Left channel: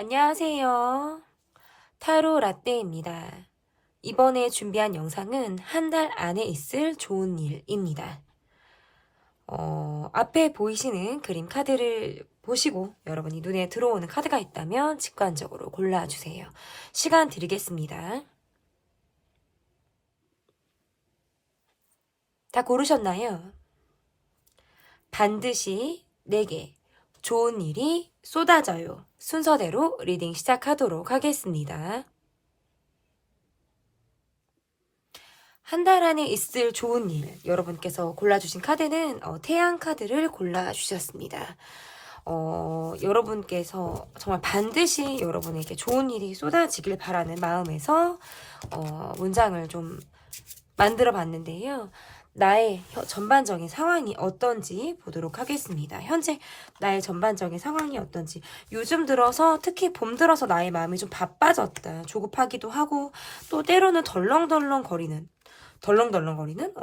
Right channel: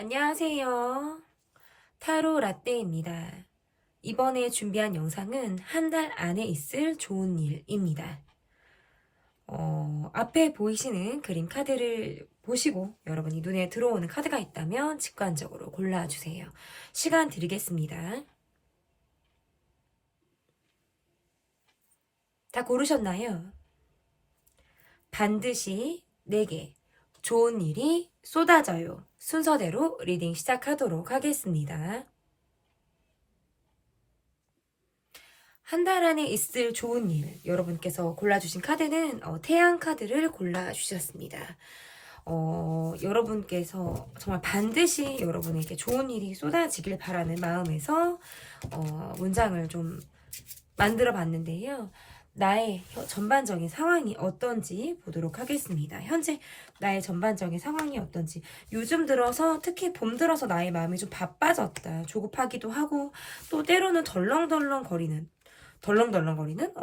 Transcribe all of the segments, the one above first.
안녕하세요. 타로 라떼입니다. 이번에 준비한 영상은 한 달 안에 있을 좋은 일입니다. 앞에 보이시는 그림 카드를 보시고 여러분이 눈에 들어오는 카드가 있다면 직관적으로 골라주세요. 시간 드리겠습니다. 다 고르셨나요? 반드시 내게 좋은 일이 쏟아져요. 순서대로 리딩 시작하도록 하겠습니다. 한 달 안에 있을 좋은 일, 여러분께서 골라주신 카드는 태양 카드를 골라주셨습니다. 여러분께서 정말 반드시 여러분에게 좋은 일이 쏟아지길 바라는 마음에서 문장을 좀 만들어 봤는데요. 나의 전반적인 상황이 어떤지 보도록 하겠습니다. 현재 나의 전반적인 상황이 어떤지, 요즘 들어서 특히 봄 들어서 나의 마음이 좀 바빠졌다, 조급하기도 하고 또 때로는 덜렁덜렁거리는 덜렁거리는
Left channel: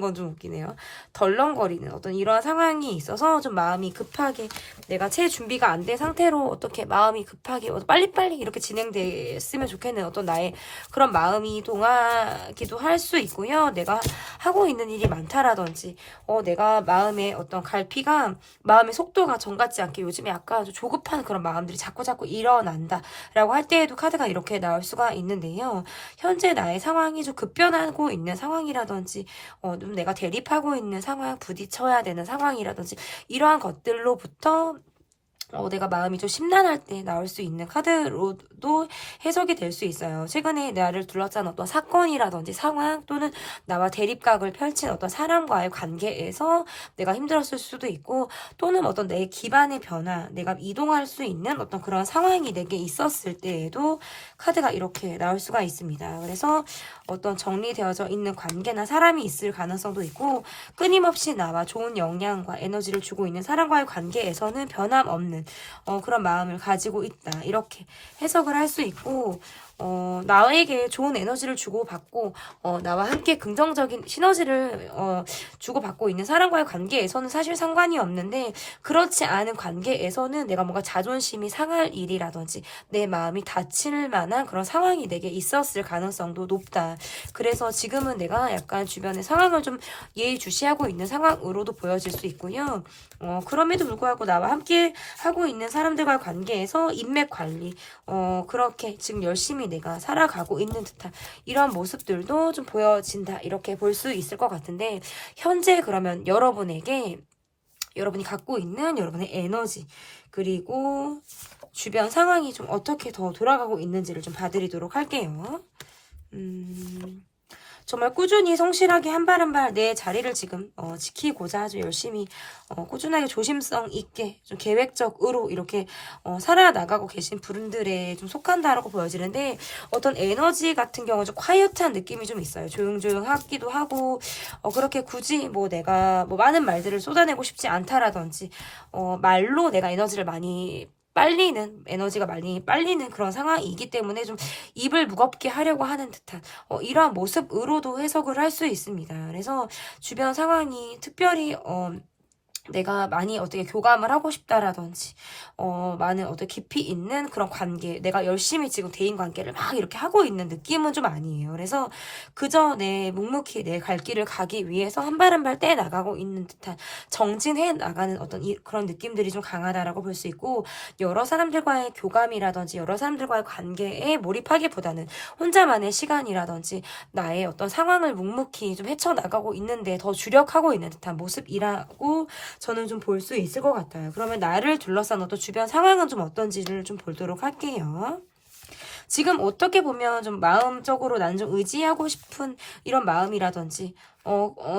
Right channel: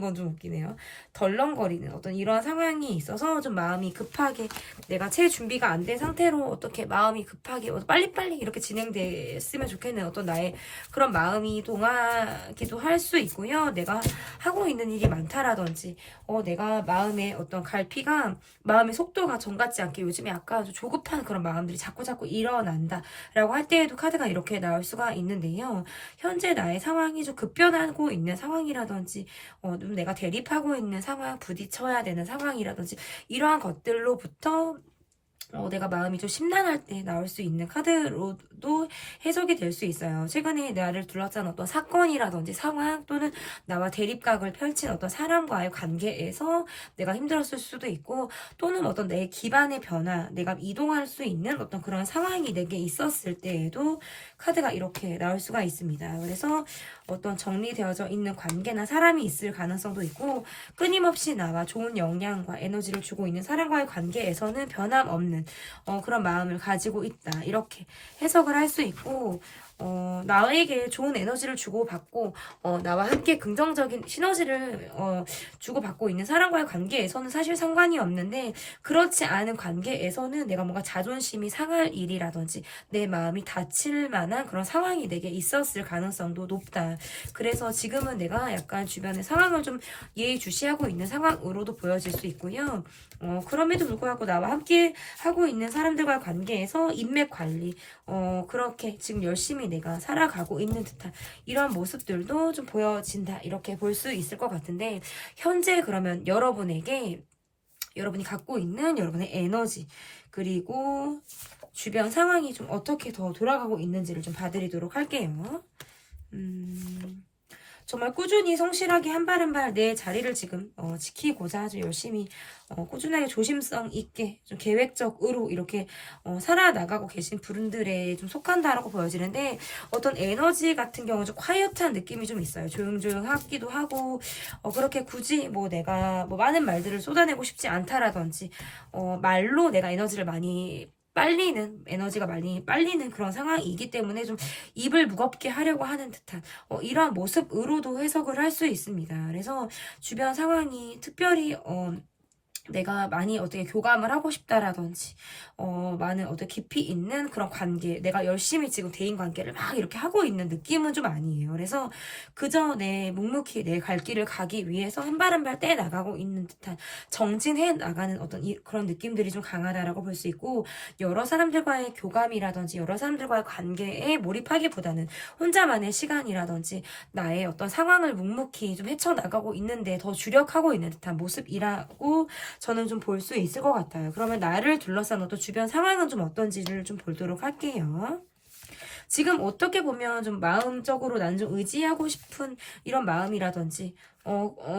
건 좀 웃기네요. 덜렁거리는 어떤 이런 상황이 있어서 좀 마음이 급하게, 내가 채 준비가 안 된 상태로 어떻게 마음이 급하게 빨리빨리 이렇게 진행됐으면 좋겠는 어떤 나의 그런 마음이 동하기도 할 수 있고요. 내가 하고 있는 일이 많다라든지 내가 마음의 어떤 갈피가, 마음의 속도가 전 같지 않게 요즘에 약간 좀 조급한 그런 마음들이 자꾸자꾸 일어난다 라고 할 때에도 카드가 이렇게 나올 수가 있는데요. 현재 나의 상황이 좀 급변하고 있는 상황이라든지 좀 내가 대립하고 있는 상황, 부딪혀야 되는 상황이라든지 이러한 것들로부터 내가 마음이 좀 심란할 때 나올 수 있는 카드로도 해석이 될 수 있어요. 최근에 나를 둘러싼 어떤 사건이라든지 상황, 또는 나와 대립각을 펼친 어떤 사람과의 관계에서 내가 힘들었을 수도 있고, 또는 어떤 내 기반의 변화, 내가 이동할 수 있는 어떤 그런 상황이 내게 있었을 때에도 카드가 이렇게 나올 수가 있습니다. 그래서 어떤 정리되어져 있는 관계나 사람이 있을 가능성도 있고, 끊임없이 나와 좋은 영향과 에너지를 주고 있는 사람과의 관계에서는 변함없는 그런 마음을 가지고 있다, 이렇게 해석을 할 수 있고, 나에게 좋은 에너지를 주고받고 나와 함께 긍정적인 시너지를 주고받고 있는 사람과의 관계에서는 사실 상관이 없는데, 그렇지 않은 관계에서는 내가 뭔가 자존심이 상할 일이라든지 내 마음이 다칠 만한 그런 상황이 내게 있었을 가능성도 높다. 그래서 지금은 내가 약간 주변의 상황을 좀 예의주시하고 있는 상황으로도 보여질 수 있고요. 그럼에도 불구하고 나와 함께 하고 있는 사람들과의 관계에서 인맥 관리, 그렇게 지금 열심히 내가 살아가고 있는 듯한 이런 모습들도 좀 보여진다, 이렇게 볼 수 있을 것 같은데, 현재 그러면 여러분에게, 여러분이 갖고 있는 여러분의 에너지, 그리고 주변 상황이 좀 어떻게 더 돌아가고 있는지를 좀 봐드리도록 할게요. 정말 꾸준히 성실하게 한 발 한 발 내 자리를 지금 지키고자 아주 열심히 꾸준하게 조심성 있게 좀 계획적으로 이렇게 살아나가고 계신 분들에 좀 속한다라고 보여지는데, 어떤 에너지 같은 경우는 좀 콰이어트한 느낌이 좀 있어요. 조용조용하기도 하고, 그렇게 굳이 뭐 내가 뭐 많은 말들을 쏟아내고 싶지 않다라든지, 말로 내가 에너지를 많이 에너지가 많이 빨리는 그런 상황이기 때문에 좀 입을 무겁게 하려고 하는 듯한 이러한 모습으로도 해석을 할 수 있습니다. 그래서 주변 상황이 특별히 내가 많이 어떻게 교감을 하고 싶다라든지, 많은 어떤 깊이 있는 그런 관계, 내가 열심히 지금 대인관계를 막 이렇게 하고 있는 느낌은 좀 아니에요. 그래서 그저 내 묵묵히 내 갈 길을 가기 위해서 한 발 한 발 떼 나가고 있는 듯한, 정진해 나가는 어떤 그런 느낌들이 좀 강하다라고 볼 수 있고, 여러 사람들과의 교감이라든지 여러 사람들과의 관계에 몰입하기보다는 혼자만의 시간이라든지 나의 어떤 상황을 묵묵히 좀 헤쳐나가고 있는데 더 주력하고 있는 듯한 모습이라고 저는 좀 볼 수 있을 것 같아요. 그러면 나를 둘러싼 어떤 주변 상황은 좀 어떤지를 좀 보도록 할게요. 지금 어떻게 보면 좀 마음적으로 나는 좀 의지하고 싶은 이런 마음이라든지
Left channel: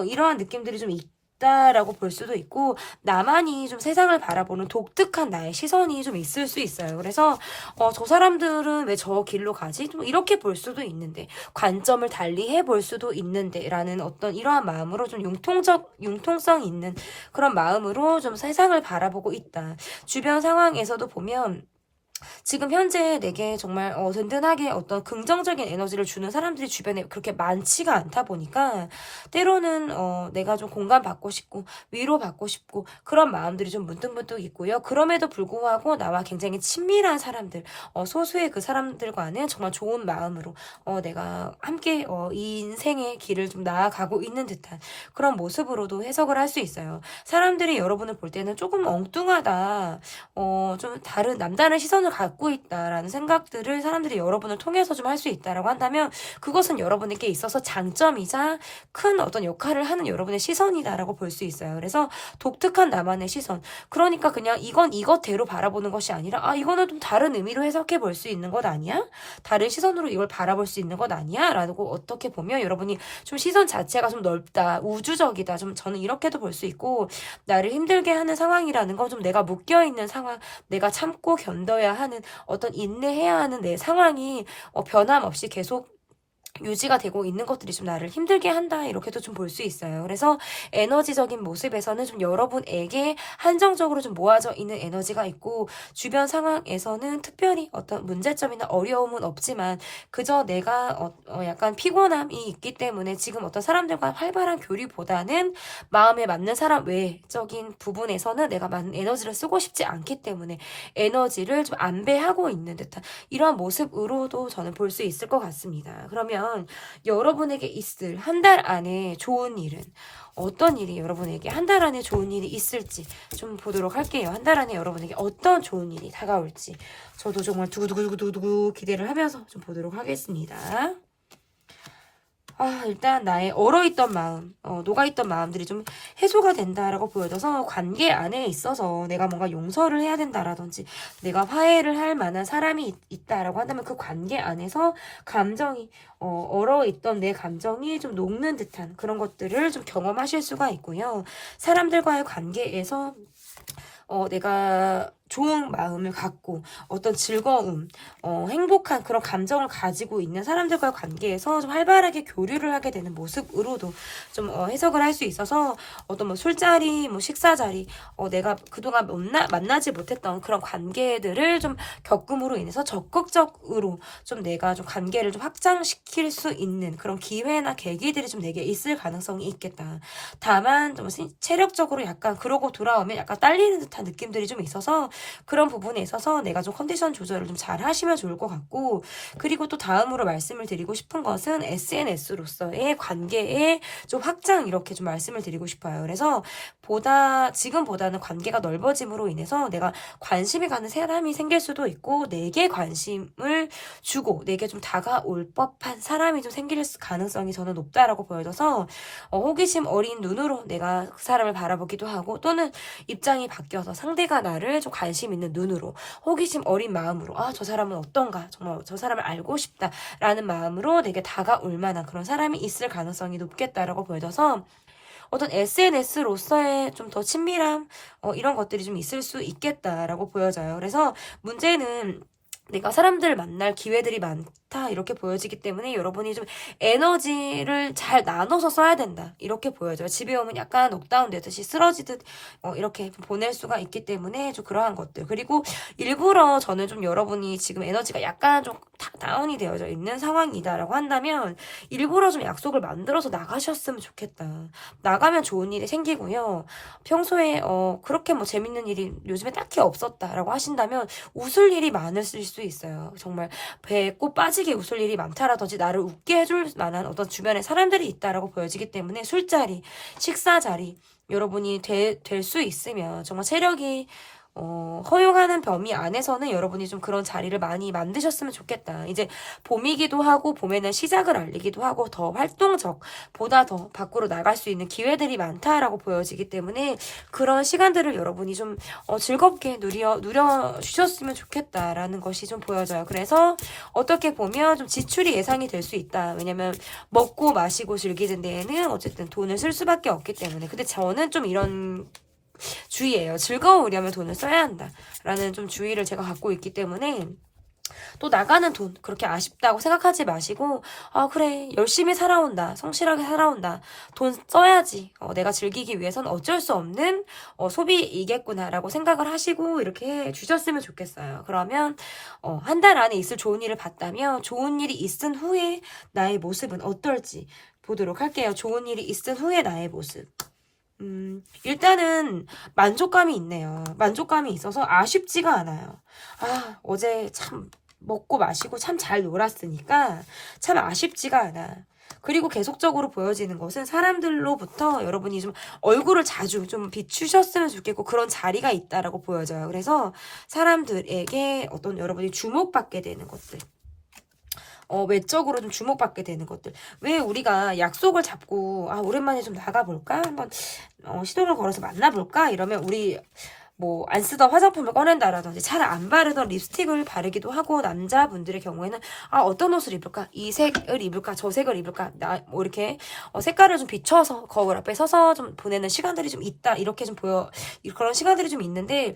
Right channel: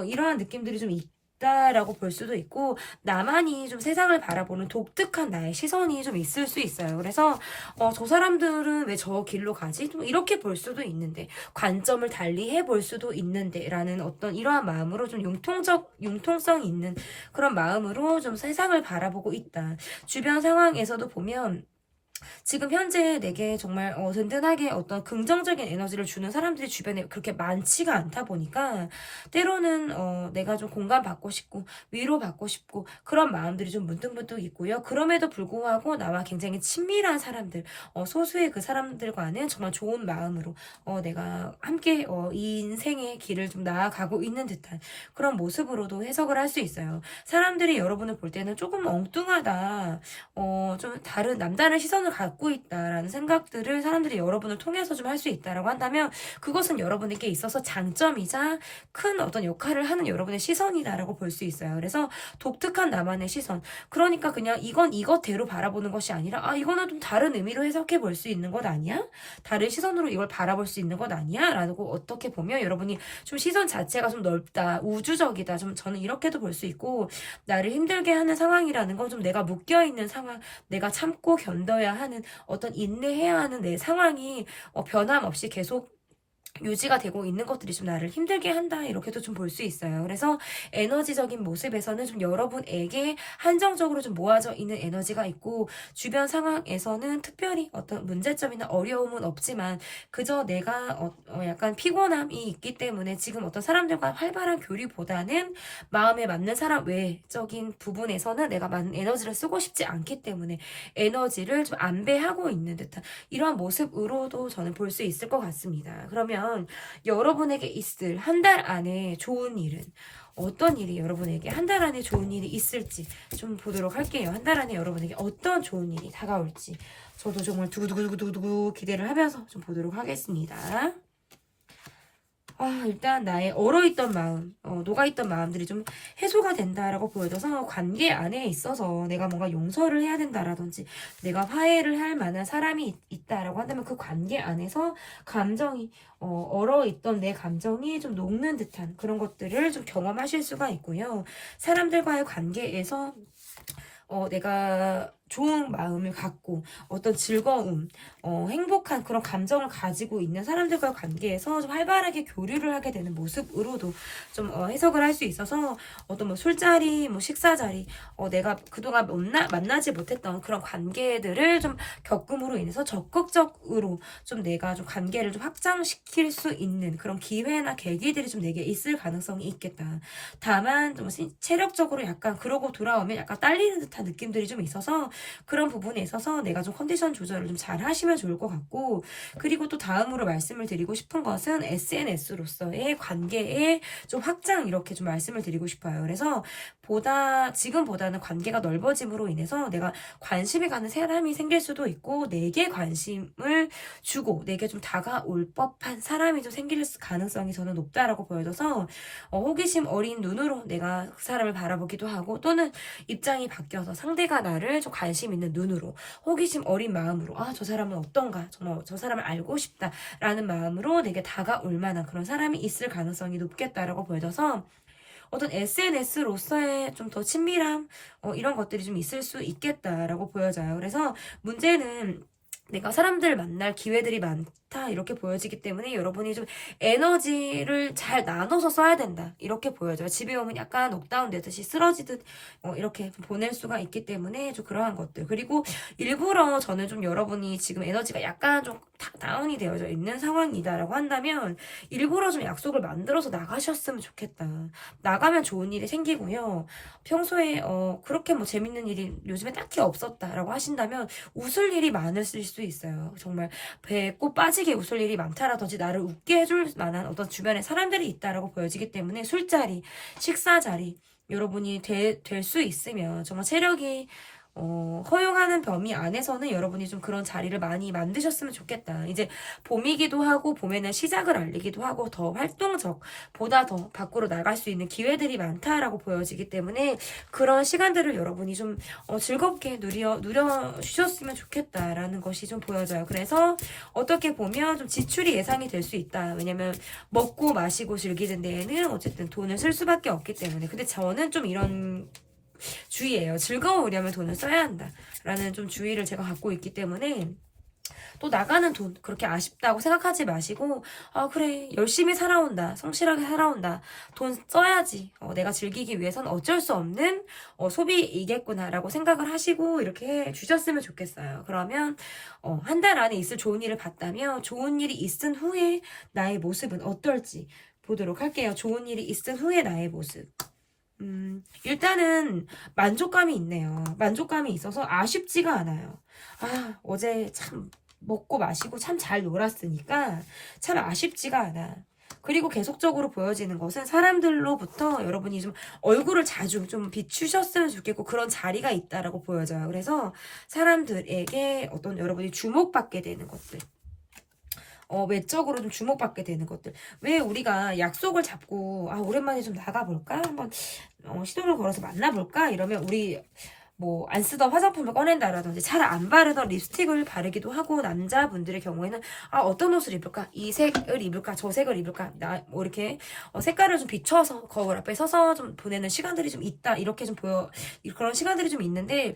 이러한 느낌들이 좀 있다라고 볼 수도 있고, 나만이 좀 세상을 바라보는 독특한 나의 시선이 좀 있을 수 있어요. 그래서 저 사람들은 왜 저 길로 가지? 좀 이렇게 볼 수도 있는데, 관점을 달리 해볼 수도 있는데 라는 어떤 이러한 마음으로 좀 융통성 있는 그런 마음으로 좀 세상을 바라보고 있다. 주변 상황에서도 보면 지금 현재 내게 정말 든든하게 어떤 긍정적인 에너지를 주는 사람들이 주변에 그렇게 많지가 않다 보니까 때로는 내가 좀 공감받고 싶고 위로받고 싶고 그런 마음들이 좀 문득문득 있고요. 그럼에도 불구하고 나와 굉장히 친밀한 사람들, 소수의 그 사람들과는 정말 좋은 마음으로 내가 함께 이 인생의 길을 좀 나아가고 있는 듯한 그런 모습으로도 해석을 할 수 있어요. 사람들이 여러분을 볼 때는 조금 엉뚱하다, 좀 다른 남다른 시선을 갖고 있다라는 생각들을 사람들이 여러분을 통해서 좀 할 수 있다라고 한다면 그것은 여러분에게 있어서 장점이자 큰 어떤 역할을 하는 여러분의 시선이다라고 볼 수 있어요. 그래서 독특한 나만의 시선. 그러니까 그냥 이건 이것대로 바라보는 것이 아니라 이거는 좀 다른 의미로 해석해 볼 수 있는 것 아니야? 다른 시선으로 이걸 바라볼 수 있는 것 아니야? 라고 어떻게 보면 여러분이 좀 시선 자체가 좀 넓다, 우주적이다. 좀 저는 이렇게도 볼 수 있고 나를 힘들게 하는 상황이라는 거 좀 내가 묶여있는 상황, 내가 참고 견뎌야 하는 어떤 인내해야 하는 내 상황이 변함없이 계속 유지가 되고 있는 것들이 좀 나를 힘들게 한다 이렇게도 좀 볼 수 있어요. 그래서 에너지적인 모습에서는 좀 여러분에게 한정적으로 좀 모아져 있는 에너지가 있고 주변 상황에서는 특별히 어떤 문제점이나 어려움은 없지만 그저 내가 약간 피곤함이 있기 때문에 지금 어떤 사람들과 활발한 교류보다는 마음에 맞는 사람 외적인 부분에서는 내가 많은 에너지를 쓰고 싶지 않기 때문에 에너지를 좀 안배하고 있는 듯한 이러한 모습으로도 저는 볼 수 있을 것 같습니다. 그러면 여러분에게 있을 한 달 안에 좋은 일은 어떤 일이 여러분에게 한 달 안에 좋은 일이 있을지 좀 보도록 할게요. 한 달 안에 여러분에게 어떤 좋은 일이 다가올지 저도 정말 두구두구두구두구 기대를 하면서 좀 보도록 하겠습니다. 일단 나의 얼어있던 마음, 녹아있던 마음들이 좀 해소가 된다라고 보여져서 관계 안에 있어서 내가 뭔가 용서를 해야 된다라든지 내가 화해를 할 만한 사람이 있다라고 한다면 그 관계 안에서 감정이 얼어있던 내 감정이 좀 녹는 듯한 그런 것들을 좀 경험하실 수가 있고요. 사람들과의 관계에서 내가 좋은 마음을 갖고 어떤 즐거움, 행복한 그런 감정을 가지고 있는 사람들과의 관계에서 좀 활발하게 교류를 하게 되는 모습으로도 좀 해석을 할 수 있어서 어떤 뭐 술자리, 뭐 식사자리, 내가 그동안 만나지 못했던 그런 관계들을 좀 겪음으로 인해서 적극적으로 좀 내가 좀 관계를 좀 확장시킬 수 있는 그런 기회나 계기들이 좀 내게 있을 가능성이 있겠다. 다만 좀 체력적으로 약간 그러고 돌아오면 약간 딸리는 듯한 느낌들이 좀 있어서 그런 부분에 있어서 내가 좀 컨디션 조절을 좀 잘 하시면 좋을 것 같고 그리고 또 다음으로 말씀을 드리고 싶은 것은 SNS로서의 관계의 좀 확장 이렇게 좀 말씀을 드리고 싶어요. 그래서 지금보다는 관계가 넓어짐으로 인해서 내가 관심이 가는 사람이 생길 수도 있고 내게 관심을 주고 내게 좀 다가올 법한 사람이 좀 생길 가능성이 저는 높다라고 보여져서 호기심 어린 눈으로 내가 그 사람을 바라보기도 하고 또는 입장이 바뀌어서 상대가 나를 좀 관심 있는 눈으로 호기심 어린 마음으로 저 사람은 어떤가 정말 저 사람을 알고 싶다라는 마음으로 내게 다가올 만한 그런 사람이 있을 가능성이 높겠다라고 보여져서 어떤 SNS로서의 좀 더 친밀함 이런 것들이 좀 있을 수 있겠다라고 보여져요. 그래서 문제는 내가 사람들을 만날 기회들이 많다 이렇게 보여지기 때문에 여러분이 좀 에너지를 잘 나눠서 써야 된다 이렇게 보여져요. 집에 오면 약간 옥다운 되듯이 쓰러지듯 이렇게 보낼 수가 있기 때문에 좀 그러한 것들 그리고 일부러 저는 좀 여러분이 지금 에너지가 약간 좀 다운이 되어져 있는 상황이다라고 한다면 일부러 좀 약속을 만들어서 나가셨으면 좋겠다. 나가면 좋은 일이 생기고요. 평소에 그렇게 뭐 재밌는 일이 요즘에 딱히 없었다라고 하신다면 웃을 일이 많으실 수 있어요. 정말 배에 꼭 빠지게 웃을 일이 많다라든지 나를 웃게 해줄 만한 어떤 주변에 사람들이 있다라고 보여지기 때문에 술자리, 식사자리 여러분이 될 수 있으면 정말 체력이 허용하는 범위 안에서는 여러분이 좀 그런 자리를 많이 만드셨으면 좋겠다. 이제 봄이기도 하고 봄에는 시작을 알리기도 하고 더 활동적, 보다 더 밖으로 나갈 수 있는 기회들이 많다라고 보여지기 때문에 그런 시간들을 여러분이 좀 즐겁게 누려주셨으면 좋겠다라는 것이 좀 보여져요. 그래서 어떻게 보면 좀 지출이 예상이 될 수 있다. 왜냐면 먹고 마시고 즐기는 데에는 어쨌든 돈을 쓸 수밖에 없기 때문에. 근데 저는 좀 이런 주의예요. 즐거우려면 돈을 써야 한다. 라는 좀 주의를 제가 갖고 있기 때문에 또 나가는 돈 그렇게 아쉽다고 생각하지 마시고 그래 열심히 살아온다 성실하게 살아온다 돈 써야지 내가 즐기기 위해서는 어쩔 수 없는 소비이겠구나 라고 생각을 하시고 이렇게 주셨으면 좋겠어요. 그러면 한 달 안에 있을 좋은 일을 봤다면 좋은 일이 있은 후에 나의 모습은 어떨지 보도록 할게요. 좋은 일이 있은 후에 나의 모습. 일단은 만족감이 있네요. 만족감이 있어서 아쉽지가 않아요. 어제 참 먹고 마시고 참 잘 놀았으니까 참 아쉽지가 않아. 그리고 계속적으로 보여지는 것은 사람들로부터 여러분이 좀 얼굴을 자주 좀 비추셨으면 좋겠고 그런 자리가 있다라고 보여져요. 그래서 사람들에게 어떤 여러분이 주목받게 되는 것들. 외적으로 좀 주목받게 되는 것들. 왜 우리가 약속을 잡고 오랜만에 좀 나가볼까? 한번 시도를 걸어서 만나볼까? 이러면 우리 뭐 안 쓰던 화장품을 꺼낸다라든지 잘 안 바르던 립스틱을 바르기도 하고 남자분들의 경우에는 어떤 옷을 입을까? 이 색을 입을까? 저 색을 입을까? 뭐 이렇게 색깔을 좀 비춰서 거울 앞에 서서 좀 보내는 시간들이 좀 있다. 이렇게 좀 그런 시간들이 좀 있는데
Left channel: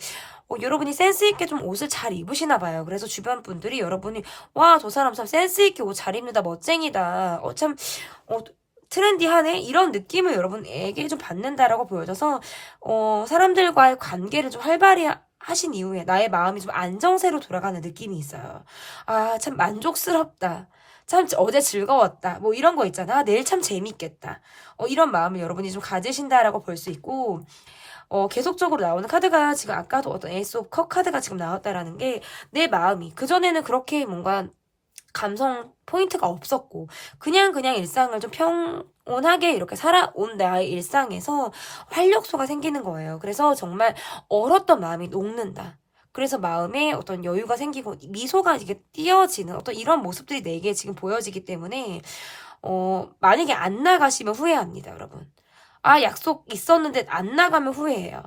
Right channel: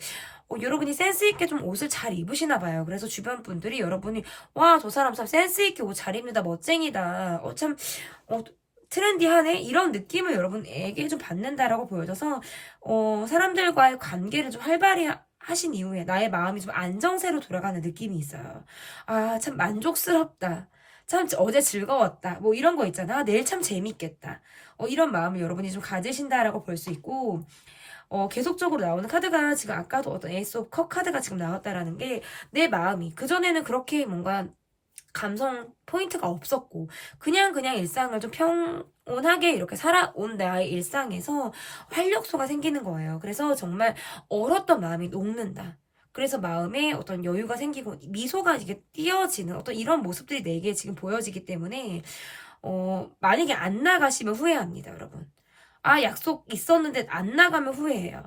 여러분이 센스 있게 좀 옷을 잘 입으시나 봐요. 그래서 주변 분들이 여러분이 와, 저 사람 참 센스 있게 옷 잘 입는다. 멋쟁이다. 참 트렌디하네? 이런 느낌을 여러분에게 좀 받는다라고 보여져서 사람들과의 관계를 좀 활발히 하신 이후에 나의 마음이 좀 안정세로 돌아가는 느낌이 있어요. 참 만족스럽다. 참 어제 즐거웠다. 뭐 이런 거 있잖아. 내일 참 재밌겠다. 이런 마음을 여러분이 좀 가지신다라고 볼 수 있고 계속적으로 나오는 카드가 지금 아까도 어떤 에이스 오브 컵 카드가 지금 나왔다라는 게 내 마음이 그전에는 그렇게 뭔가 감성 포인트가 없었고 그냥 일상을 좀 평온하게 이렇게 살아온 나의 일상에서 활력소가 생기는 거예요. 그래서 정말 얼었던 마음이 녹는다. 그래서 마음에 어떤 여유가 생기고 미소가 이게 띄어지는 어떤 이런 모습들이 내게 지금 보여지기 때문에 만약에 안 나가시면 후회합니다, 여러분. 약속 있었는데 안 나가면 후회해요.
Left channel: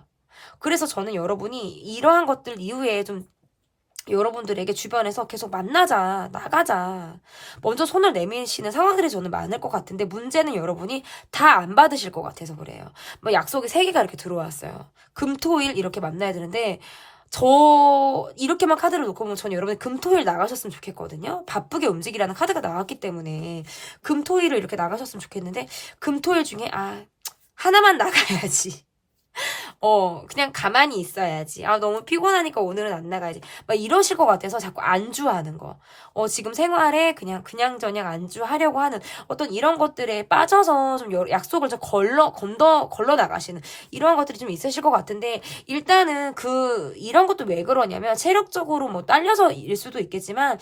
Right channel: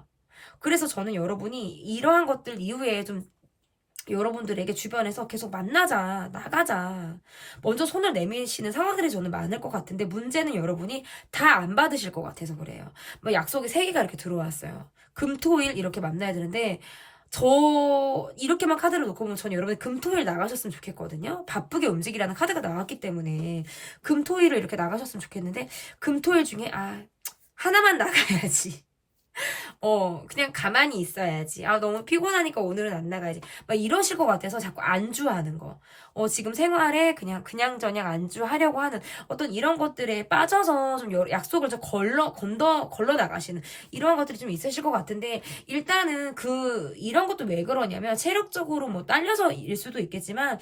그래서 저는 여러분이 이러한 것들 이후에 좀 여러분들에게 주변에서 계속 만나자, 나가자. 먼저 손을 내미시는 상황들이 저는 많을 것 같은데 문제는 여러분이 다 안 받으실 것 같아서 그래요. 뭐 약속이 3개가 이렇게 들어왔어요. 금, 토, 일 이렇게 만나야 되는데 이렇게만 카드를 놓고 보면 저는 여러분이 금, 토, 일 나가셨으면 좋겠거든요. 바쁘게 움직이라는 카드가 나왔기 때문에 금, 토, 일을 이렇게 나가셨으면 좋겠는데 금, 토, 일 중에 하나만 나가야지. 그냥 가만히 있어야지. 너무 피곤하니까 오늘은 안 나가야지. 막 이러실 것 같아서 자꾸 안주하는 거. 지금 생활에 그냥저냥 안주하려고 하는 어떤 이런 것들에 빠져서 좀 약속을 좀 걸러 나가시는 이러한 것들이 좀 있으실 것 같은데, 일단은 이런 것도 왜 그러냐면, 체력적으로 뭐 딸려서일 수도 있겠지만,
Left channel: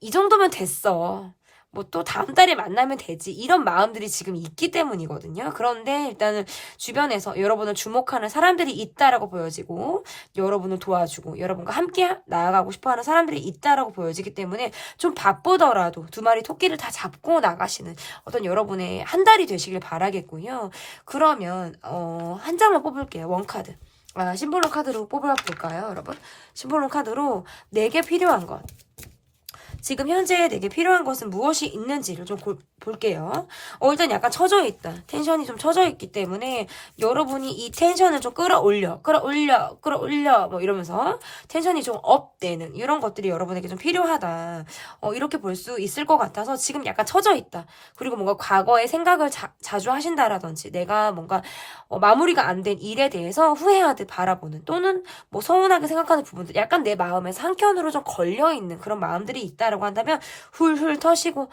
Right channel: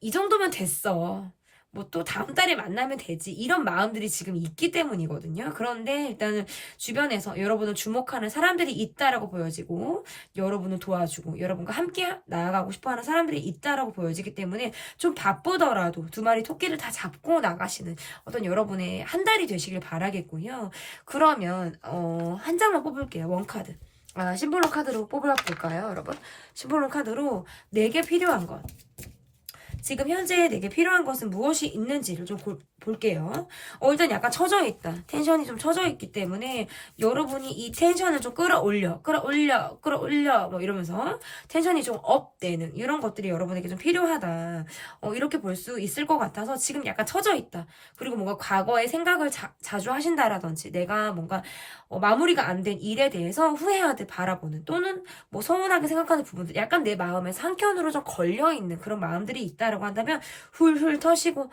이 정도면 됐어. 뭐 또 다음 달에 만나면 되지 이런 마음들이 지금 있기 때문이거든요. 그런데 일단은 주변에서 여러분을 주목하는 사람들이 있다라고 보여지고 여러분을 도와주고 여러분과 함께 나아가고 싶어하는 사람들이 있다라고 보여지기 때문에 좀 바쁘더라도 2마리 토끼를 다 잡고 나가시는 어떤 여러분의 한 달이 되시길 바라겠고요. 그러면 한 장만 뽑을게요. 원카드. 심볼론 카드로 뽑아볼까요, 여러분? 심볼론 카드로 내게 필요한 것. 지금 현재 내게 필요한 것은 무엇이 있는지를 좀 볼게요. 일단 약간 처져 있다. 텐션이 좀 처져 있기 때문에 여러분이 이 텐션을 좀 끌어올려 뭐 이러면서 텐션이 좀 업되는 이런 것들이 여러분에게 좀 필요하다. 이렇게 볼 수 있을 것 같아서 지금 약간 처져 있다. 그리고 뭔가 과거의 생각을 자주 하신다라든지 내가 뭔가 마무리가 안 된 일에 대해서 후회하듯 바라보는 또는 뭐 서운하게 생각하는 부분들 약간 내 마음에서 한켠으로 좀 걸려있는 그런 마음들이 있다라고 한다면 훌훌 터시고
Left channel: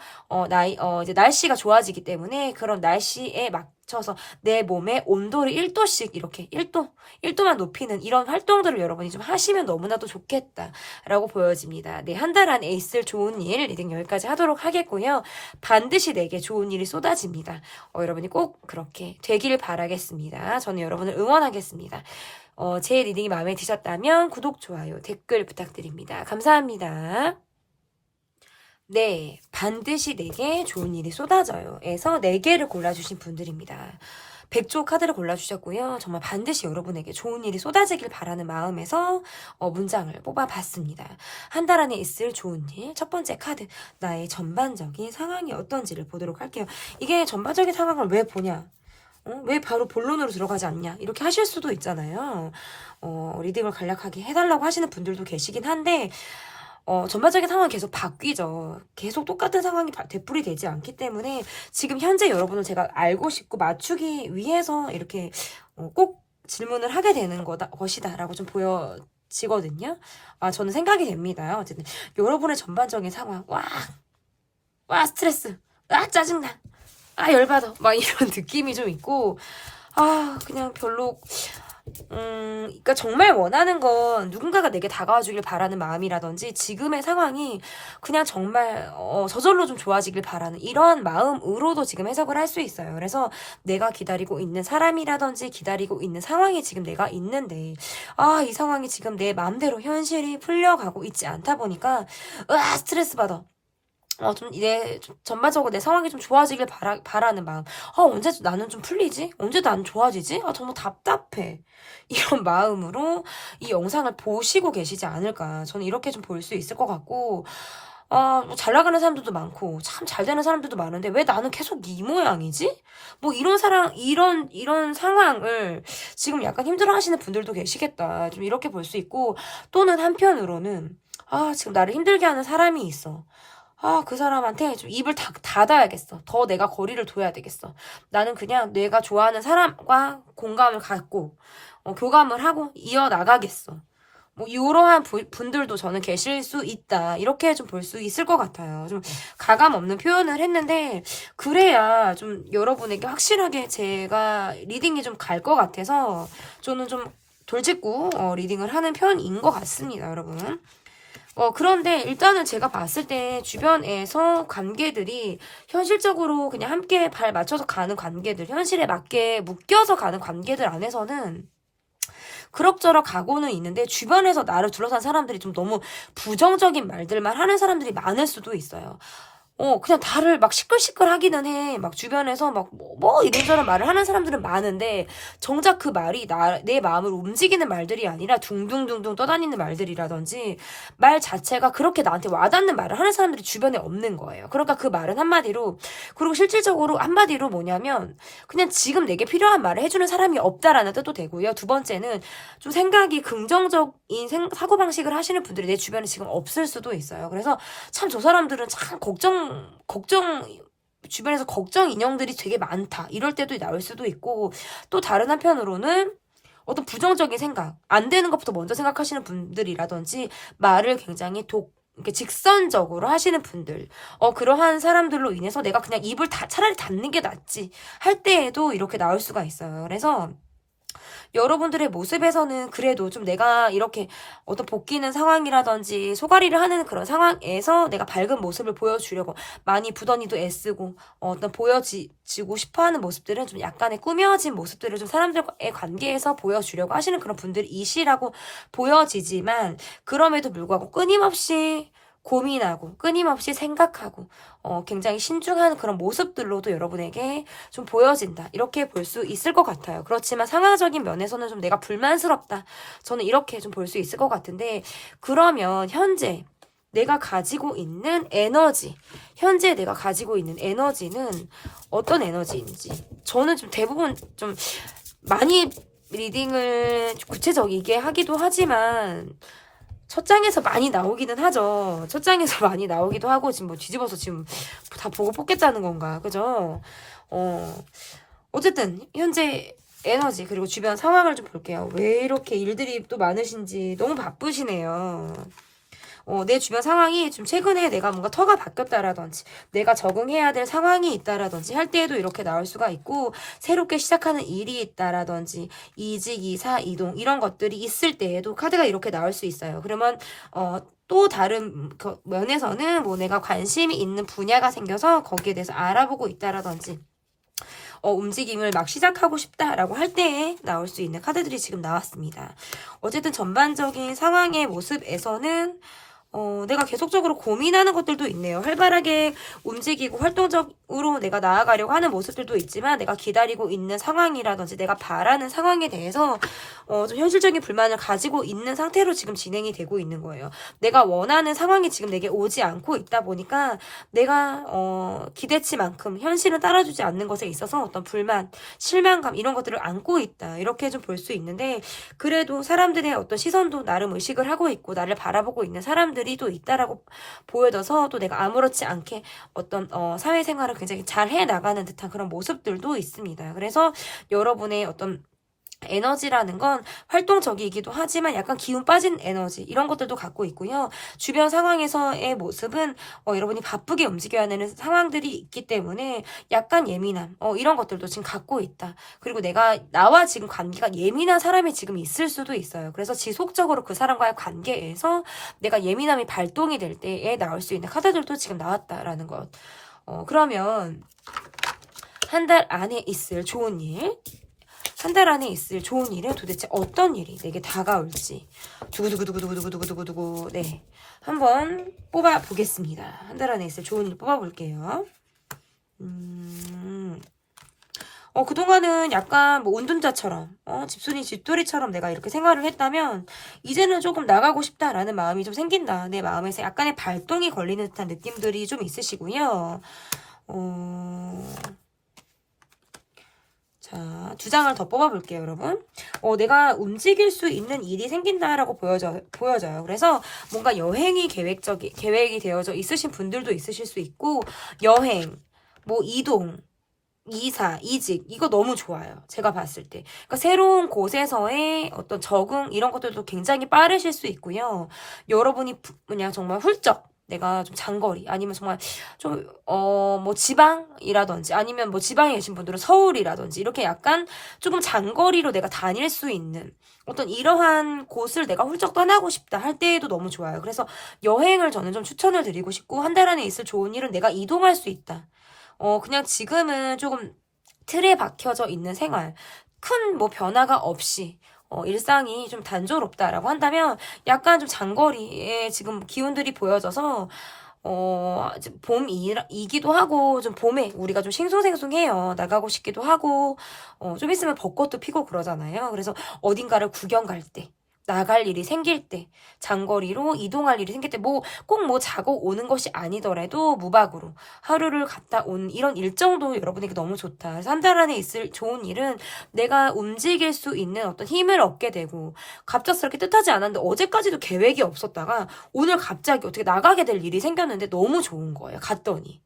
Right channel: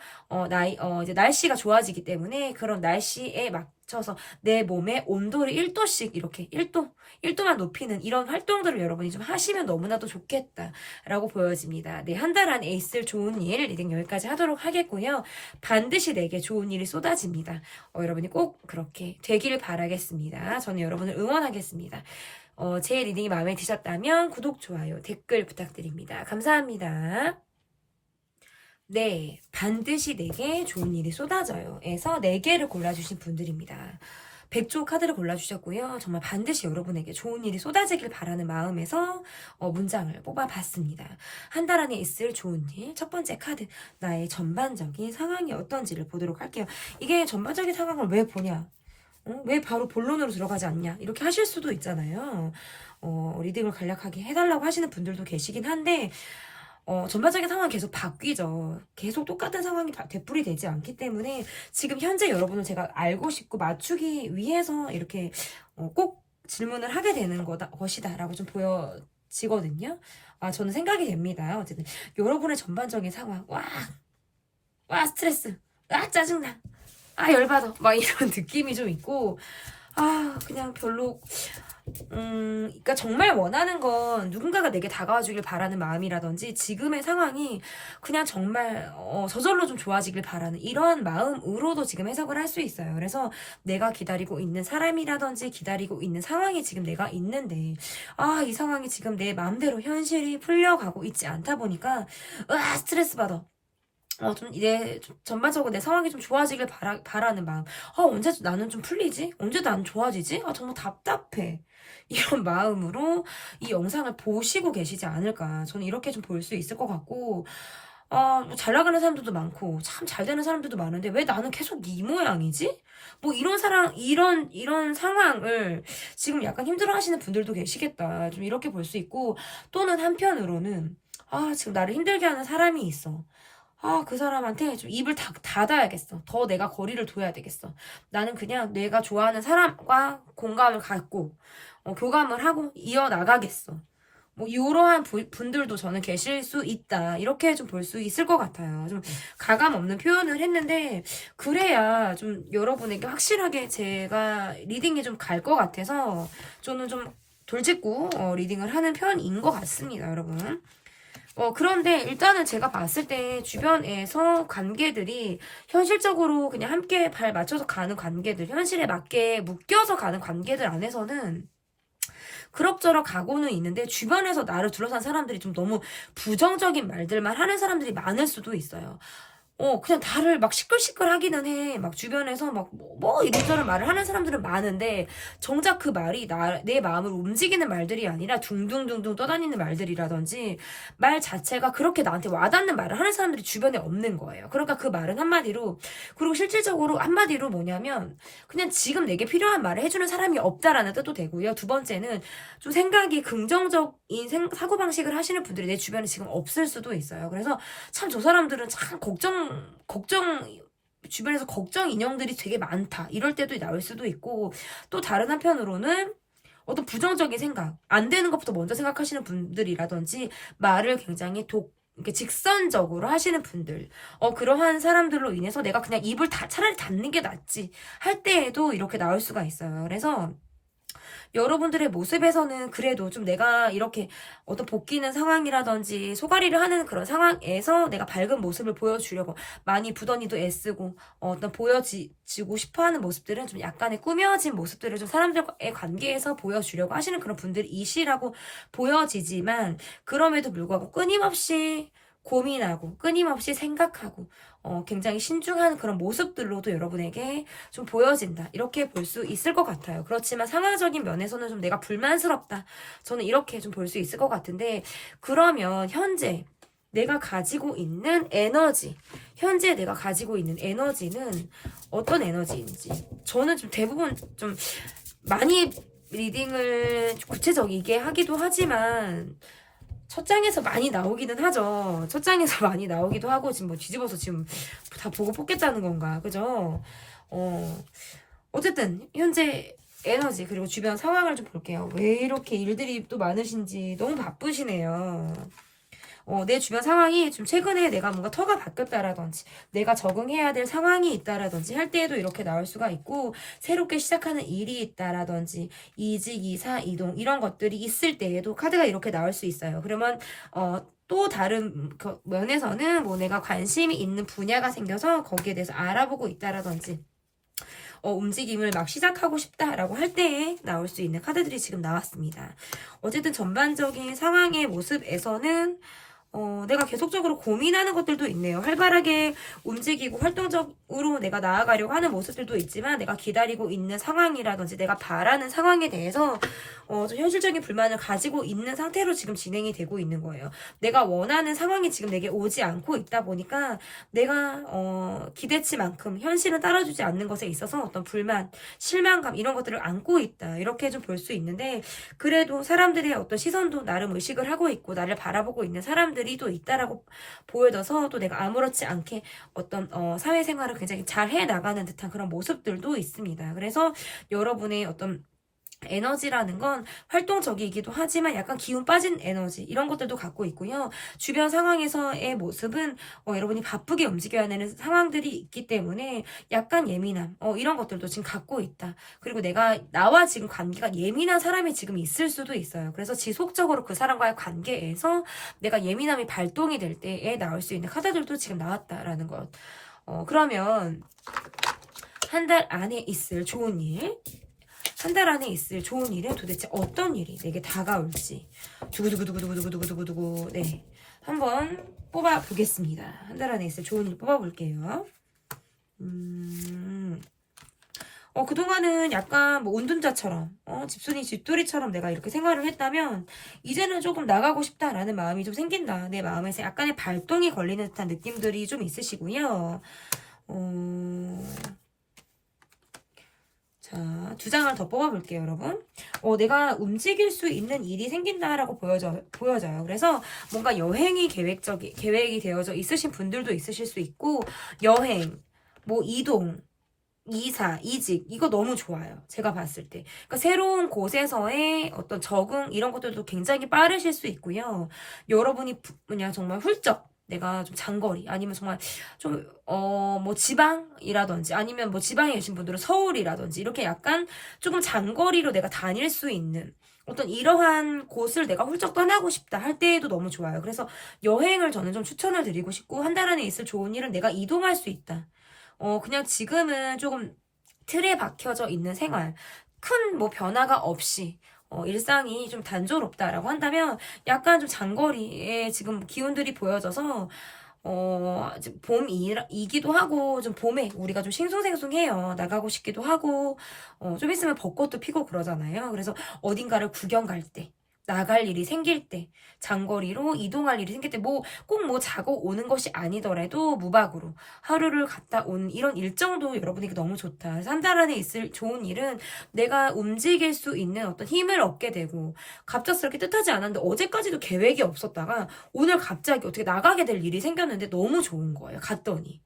이제 날씨가 좋아지기 때문에 그런 날씨에 맞춰서 내 몸의 온도를 1도씩 이렇게 1도만 높이는 이런 활동들을 여러분이 좀 하시면 너무나도 좋겠다라고 보여집니다. 네, 한 달 안에 있을 좋은 일 리딩 여기까지 하도록 하겠고요. 반드시 내게 좋은 일이 쏟아집니다. 여러분이 꼭 그렇게 되기를 바라겠습니다. 저는 여러분을 응원하겠습니다. 제 리딩이 마음에 드셨다면 구독, 좋아요, 댓글 부탁드립니다. 감사합니다. 네, 반드시 내게 좋은 일이 쏟아져요. 에서 4개를 골라주신 분들입니다. 백조 카드를 골라주셨고요. 정말 반드시 여러분에게 좋은 일이 쏟아지길 바라는 마음에서 문장을 뽑아봤습니다. 한 달 안에 있을 좋은 일, 첫 번째 카드, 나의 전반적인 상황이 어떤지를 보도록 할게요. 이게 전반적인 상황을 왜 보냐? 왜 바로 본론으로 들어가지 않냐? 이렇게 하실 수도 있잖아요. 리딩을 간략하게 해달라고 하시는 분들도 계시긴 한데 전반적인 상황이 계속 바뀌죠. 계속 똑같은 상황이 되풀이 되지 않기 때문에 지금 현재 여러분을 제가 알고 싶고 맞추기 위해서 이렇게 꼭 질문을 하게 되는 것이다 라고 좀 보여지거든요. 저는 생각이 됩니다. 어쨌든 여러분의 전반적인 상황, 와 스트레스, 짜증나, 열받아 막 이런 느낌이 좀 있고 그냥 별로 그러니까 정말 원하는 건 누군가가 내게 다가와 주길 바라는 마음이라든지 지금의 상황이 그냥 정말 저절로 좀 좋아지길 바라는 이런 마음으로도 지금 해석을 할 수 있어요. 그래서 내가 기다리고 있는 사람이라든지 기다리고 있는 상황이 지금 내가 있는데 이 상황이 지금 내 마음대로 현실이 풀려가고 있지 않다 보니까 스트레스 받아. 전반적으로 내 상황이 좀 좋아지길 바라는 마음. 언제 나는 좀 풀리지? 언제 나는 좋아지지? 정말 답답해. 이런 마음으로 이 영상을 보시고 계시지 않을까. 저는 이렇게 좀 볼 수 있을 것 같고, 잘 나가는 사람들도 많고, 참 잘 되는 사람들도 많은데, 왜 나는 계속 이 모양이지? 이런 상황을 지금 약간 힘들어 하시는 분들도 계시겠다. 좀 이렇게 볼 수 있고, 또는 한편으로는, 지금 나를 힘들게 하는 사람이 있어. 그 사람한테 좀 입을 닫아야겠어. 더 내가 거리를 둬야 되겠어. 나는 그냥 내가 좋아하는 사람과 공감을 갖고, 교감을 하고 이어나가겠어. 이러한 분들도 저는 계실 수 있다. 이렇게 좀 볼 수 있을 것 같아요. 좀 가감 없는 표현을 했는데, 그래야 좀 여러분에게 확실하게 제가 리딩이 좀 갈 것 같아서, 저는 좀 돌직구 리딩을 하는 편인 것 같습니다, 여러분. 그런데 일단은 제가 봤을 때 주변에서 관계들이 현실적으로 그냥 함께 발 맞춰서 가는 관계들, 현실에 맞게 묶여서 가는 관계들 안에서는 그럭저럭 가고는 있는데 주변에서 나를 둘러싼 사람들이 좀 너무 부정적인 말들만 하는 사람들이 많을 수도 있어요. 그냥 나를 막 시끌시끌 하기는 해. 막 주변에서 이런저런 말을 하는 사람들은 많은데, 정작 그 말이 내 마음을 움직이는 말들이 아니라 둥둥둥둥 떠다니는 말들이라든지, 말 자체가 그렇게 나한테 와닿는 말을 하는 사람들이 주변에 없는 거예요. 그러니까 그 말은 그리고 실질적으로 한마디로 뭐냐면, 그냥 지금 내게 필요한 말을 해주는 사람이 없다라는 뜻도 되고요. 두 번째는, 좀 생각이 긍정적인 사고방식을 하시는 분들이 내 주변에 지금 없을 수도 있어요. 그래서 참 저 사람들은 참 주변에서 걱정 인형들이 되게 많다. 이럴 때도 나올 수도 있고, 또 다른 한편으로는 어떤 부정적인 생각, 안 되는 것부터 먼저 생각하시는 분들이라든지, 말을 굉장히 이렇게 직선적으로 하시는 분들, 그러한 사람들로 인해서 내가 그냥 입을 차라리 닫는 게 낫지 할 때에도 이렇게 나올 수가 있어요. 그래서 여러분들의 모습에서는 그래도 좀 내가 이렇게 어떤 볶이는 상황이라든지 소가리를 하는 그런 상황에서 내가 밝은 모습을 보여주려고 많이 부더니도 애쓰고 어떤 보여지고 싶어하는 모습들은 좀 약간의 꾸며진 모습들을 좀 사람들과의 관계에서 보여주려고 하시는 그런 분들이시라고 보여지지만, 그럼에도 불구하고 끊임없이 고민하고 끊임없이 생각하고 굉장히 신중한 그런 모습들로도 여러분에게 좀 보여진다. 이렇게 볼 수 있을 것 같아요. 그렇지만 상황적인 면에서는 좀 내가 불만스럽다. 저는 이렇게 좀 볼 수 있을 것 같은데, 그러면 현재 내가 가지고 있는 현재 내가 가지고 있는 에너지는 어떤 에너지인지, 저는 좀 대부분 좀 많이 리딩을 구체적이게 하기도 하지만 첫 장에서 많이 나오기는 하죠. 첫 장에서 많이 나오기도 하고, 지금 뒤집어서 지금 다 보고 뽑겠다는 건가, 그죠? 어쨌든 현재 에너지 그리고 주변 상황을 좀 볼게요. 왜 이렇게 일들이 또 많으신지. 너무 바쁘시네요. 내 주변 상황이 좀 최근에 내가 뭔가 터가 바뀌었다라든지, 내가 적응해야 될 상황이 있다라든지 할 때에도 이렇게 나올 수가 있고, 새롭게 시작하는 일이 있다라든지, 이직, 이사, 이동 이런 것들이 있을 때에도 카드가 이렇게 나올 수 있어요. 그러면 또 다른 면에서는 내가 관심이 있는 분야가 생겨서 거기에 대해서 알아보고 있다라든지, 움직임을 막 시작하고 싶다라고 할 때에 나올 수 있는 카드들이 지금 나왔습니다. 어쨌든 전반적인 상황의 모습에서는 내가 계속적으로 고민하는 것들도 있네요. 활발하게 움직이고 활동적으로 내가 나아가려고 하는 모습들도 있지만, 내가 기다리고 있는 상황이라든지 내가 바라는 상황에 대해서 좀 현실적인 불만을 가지고 있는 상태로 지금 진행이 되고 있는 거예요. 내가 원하는 상황이 지금 내게 오지 않고 있다 보니까 내가 기대치만큼 현실은 따라주지 않는 것에 있어서 어떤 불만, 실망감 이런 것들을 안고 있다. 이렇게 좀 볼 수 있는데 그래도 사람들의 어떤 시선도 나름 의식을 하고 있고 나를 바라보고 있는 사람들이 또 있다라고 보여져서 또 내가 아무렇지 않게 어떤 사회생활을 굉장히 잘 해나가는 듯한 그런 모습들도 있습니다. 그래서 여러분의 어떤 에너지라는 건 활동적이기도 하지만 약간 기운 빠진 에너지 이런 것들도 갖고 있고요. 주변 상황에서의 모습은 여러분이 바쁘게 움직여야 되는 상황들이 있기 때문에 약간 예민함 이런 것들도 지금 갖고 있다. 그리고 나와 지금 관계가 예민한 사람이 지금 있을 수도 있어요. 그래서 지속적으로 그 사람과의 관계에서 내가 예민함이 발동이 될 때에 나올 수 있는 카드들도 지금 나왔다라는 것. 그러면 한 달 안에 있을 좋은 일, 한 달 안에 있을 좋은 일은 도대체 어떤 일이 내게 다가올지 두구두구두구두구두구두구두구 네 한번 뽑아보겠습니다. 한 달 안에 있을 좋은 일 뽑아볼게요. 그동안은 약간 뭐 운둔자처럼 집순이 쥐돌이처럼 내가 이렇게 생활을 했다면 이제는 조금 나가고 싶다라는 마음이 좀 생긴다. 내 마음에서 약간의 발동이 걸리는 듯한 느낌들이 좀 있으시고요. 자, 2장을 더 뽑아볼게요, 여러분. 내가 움직일 수 있는 일이 생긴다라고 보여져요. 그래서 뭔가 여행이 계획이 되어져 있으신 분들도 있으실 수 있고, 여행, 뭐 이동, 이사, 이직, 이거 너무 좋아요. 제가 봤을 때. 그러니까 새로운 곳에서의 어떤 적응, 이런 것들도 굉장히 빠르실 수 있고요. 여러분이 그냥 정말 훌쩍 내가 좀 장거리 아니면 정말 좀 뭐 지방이라든지 아니면 뭐 지방에 계신 분들은 서울이라든지 이렇게 약간 조금 장거리로 내가 다닐 수 있는 어떤 이러한 곳을 내가 훌쩍 떠나고 싶다 할 때에도 너무 좋아요. 그래서 여행을 저는 좀 추천을 드리고 싶고 한 달 안에 있을 좋은 일은 내가 이동할 수 있다. 그냥 지금은 조금 틀에 박혀져 있는 생활 큰 뭐 변화가 없이 일상이 좀 단조롭다라고 한다면 약간 좀 장거리에 지금 기운들이 보여져서 봄이기도 하고 좀 봄에 우리가 좀 싱숭생숭해요. 나가고 싶기도 하고 좀 있으면 벚꽃도 피고 그러잖아요. 그래서 어딘가를 구경 갈 때 나갈 일이 생길 때 장거리로 이동할 일이 생길 때 꼭 자고 오는 것이 아니더라도 무박으로 하루를 갔다 온 이런 일정도 여러분에게 너무 좋다. 그래서 한 달 안에 있을 좋은 일은 내가 움직일 수 있는 어떤 힘을 얻게 되고 갑작스럽게 뜻하지 않았는데 어제까지도 계획이 없었다가 오늘 갑자기 어떻게 나가게 될 일이 생겼는데 너무 좋은 거예요. 갔더니.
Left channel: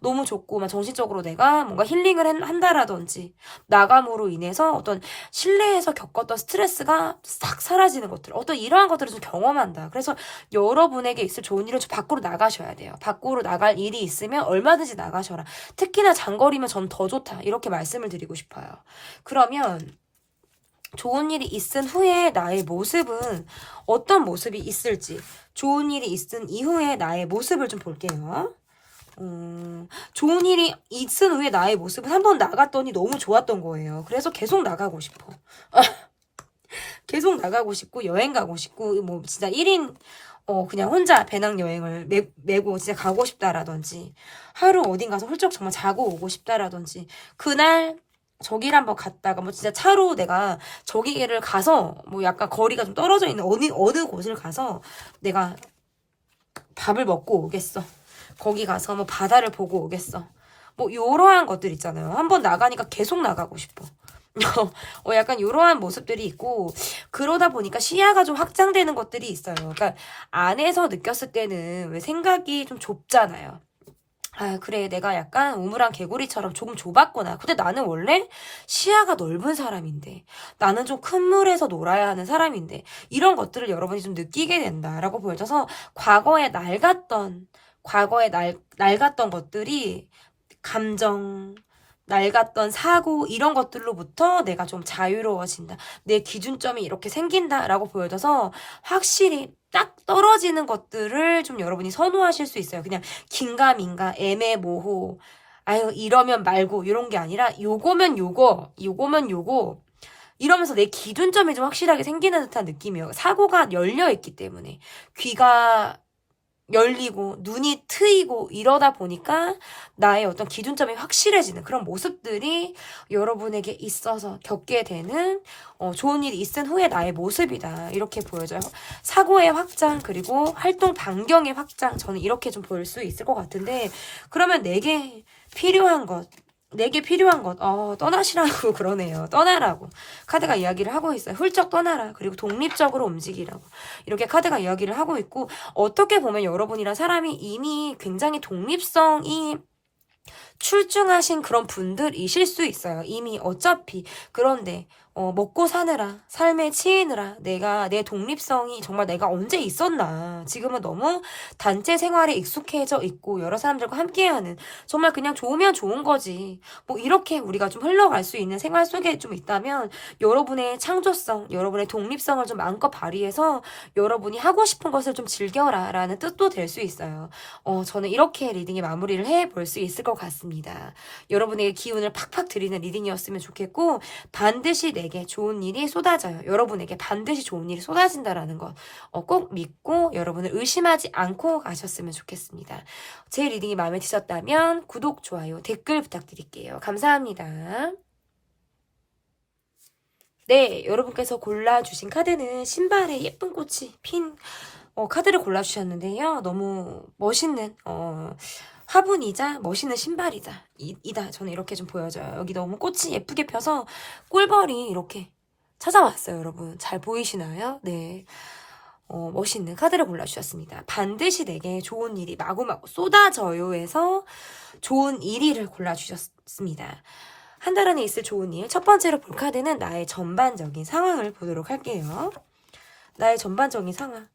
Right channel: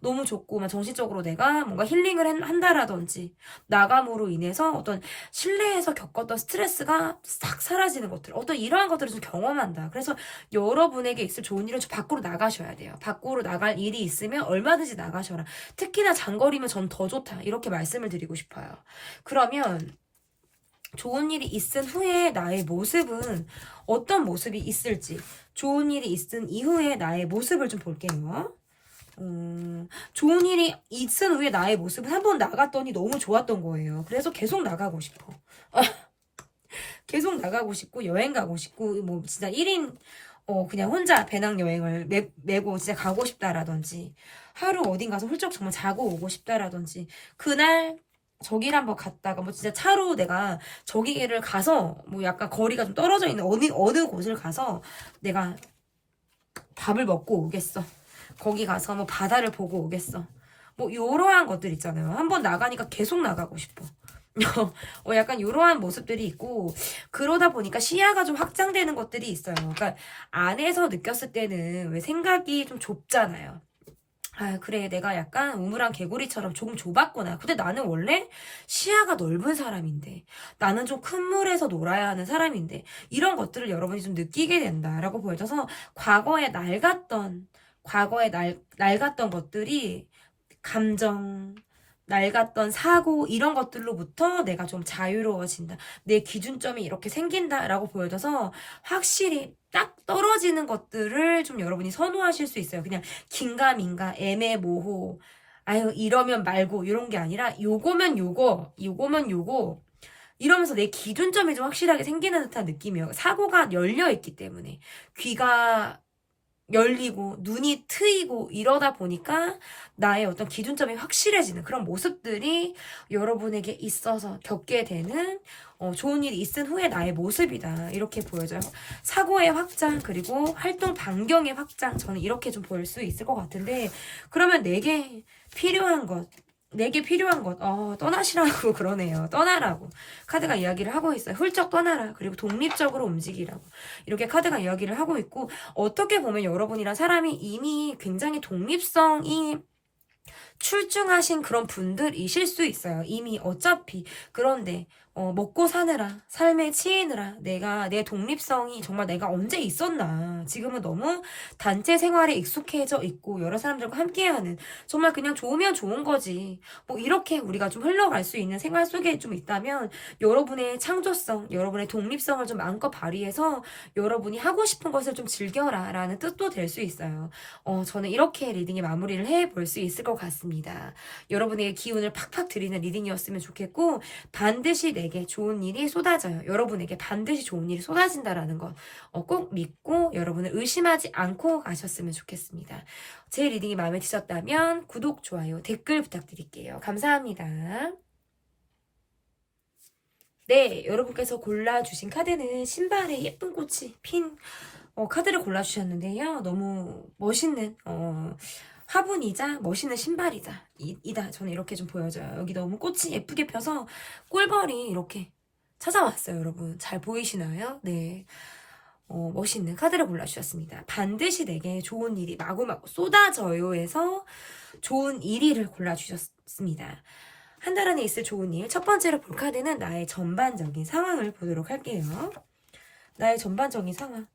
너무 좋고 막 정신적으로 내가 뭔가 힐링을 한다라든지 나감으로 인해서 어떤 실내에서 겪었던 스트레스가 싹 사라지는 것들 어떤 이러한 것들을 좀 경험한다. 그래서 여러분에게 있을 좋은 일은 좀 밖으로 나가셔야 돼요. 밖으로 나갈 일이 있으면 얼마든지 나가셔라. 특히나 장거리면 전 더 좋다. 이렇게 말씀을 드리고 싶어요. 그러면 좋은 일이 있은 후에 나의 모습은 어떤 모습이 있을지 좋은 일이 있은 이후에 나의 모습을 좀 볼게요. 좋은 일이 있은 후에 나의 모습은 한 번 나갔더니 너무 좋았던 거예요. 그래서 계속 나가고 싶어. 계속 나가고 싶고 여행 가고 싶고 뭐 진짜 1인 그냥 혼자 배낭여행을 메고 진짜 가고 싶다라든지 하루 어딘 가서 훌쩍 정말 자고 오고 싶다라든지 그날 저기를 한번 갔다가 뭐 진짜 차로 내가 저기를 가서 뭐 약간 거리가 좀 떨어져 있는 어느 곳을 가서 내가 밥을 먹고 오겠어. 거기 가서 뭐 바다를 보고 오겠어. 뭐 요러한 것들 있잖아요. 한번 나가니까 계속 나가고 싶어. 약간 요러한 모습들이 있고 그러다 보니까 시야가 좀 확장되는 것들이 있어요. 그러니까 안에서 느꼈을 때는 왜 생각이 좀 좁잖아요. 아, 그래. 내가 약간 우물안 개구리처럼 조금 좁았구나. 근데 나는 원래 시야가 넓은 사람인데, 나는 좀 큰 물에서 놀아야 하는 사람인데, 이런 것들을 여러분이 좀 느끼게 된다라고 보여져서, 과거에 낡았던 것들이, 감정, 낡았던 사고, 이런 것들로부터 내가 좀 자유로워진다. 내 기준점이 이렇게 생긴다라고 보여져서, 확실히 딱 떨어지는 것들을 좀 여러분이 선호하실 수 있어요. 그냥 긴가민가, 애매모호, 아유, 이러면 말고, 이런 게 아니라, 요거면 요거, 이러면서 내 기준점이 좀 확실하게 생기는 듯한 느낌이에요. 사고가 열려있기 때문에. 귀가 열리고 눈이 트이고 이러다 보니까 나의 어떤 기준점이 확실해지는 그런 모습들이 여러분에게 있어서 겪게 되는 좋은 일이 있은 후에 나의 모습이다. 이렇게 보여져요. 사고의 확장 그리고 활동 반경의 확장 저는 이렇게 좀 볼 수 있을 것 같은데 그러면 내게 필요한 것 떠나시라고 그러네요. 떠나라고. 카드가 이야기를 하고 있어요. 훌쩍 떠나라. 그리고 독립적으로 움직이라고. 이렇게 카드가 이야기를 하고 있고, 어떻게 보면 여러분이란 사람이 이미 굉장히 독립성이 출중하신 그런 분들이실 수 있어요. 이미 어차피. 그런데 먹고 사느라 삶에 치이느라 내 독립성이 정말 내가 언제 있었나. 지금은 너무 단체 생활에 익숙해져 있고 여러 사람들과 함께하는 정말 그냥 좋으면 좋은 거지. 뭐 이렇게 우리가 좀 흘러갈 수 있는 생활 속에 좀 있다면 여러분의 창조성, 여러분의 독립성을 좀 마음껏 발휘해서 여러분이 하고 싶은 것을 좀 즐겨라 라는 뜻도 될 수 있어요. 저는 이렇게 리딩의 마무리를 해볼 수 있을 것 같습니다. 여러분에게 기운을 팍팍 드리는 리딩이었으면 좋겠고 반드시 내게 좋은 일이 쏟아져요. 여러분에게 반드시 좋은 일이 쏟아진다라는 거 꼭 믿고 여러분을 의심하지 않고 가셨으면 좋겠습니다. 제 리딩이 마음에 드셨다면 구독, 좋아요, 댓글 부탁드릴게요. 감사합니다. 네, 여러분께서 골라주신 카드는 신발에 예쁜 꽃이 핀 카드를 골라주셨는데요. 너무 멋있는 화분이자 멋있는 신발이다. 저는 이렇게 좀 보여져요. 여기 너무 꽃이 예쁘게 펴서 꿀벌이 이렇게 찾아왔어요. 여러분 잘 보이시나요? 네. 멋있는 카드를 골라주셨습니다. 반드시 내게 좋은 일이 마구마구 쏟아져요 해서 좋은 1위를 골라주셨습니다. 한 달 안에 있을 좋은 일. 첫 번째로 볼 카드는 나의 전반적인 상황을 보도록 할게요. 나의 전반적인 상황.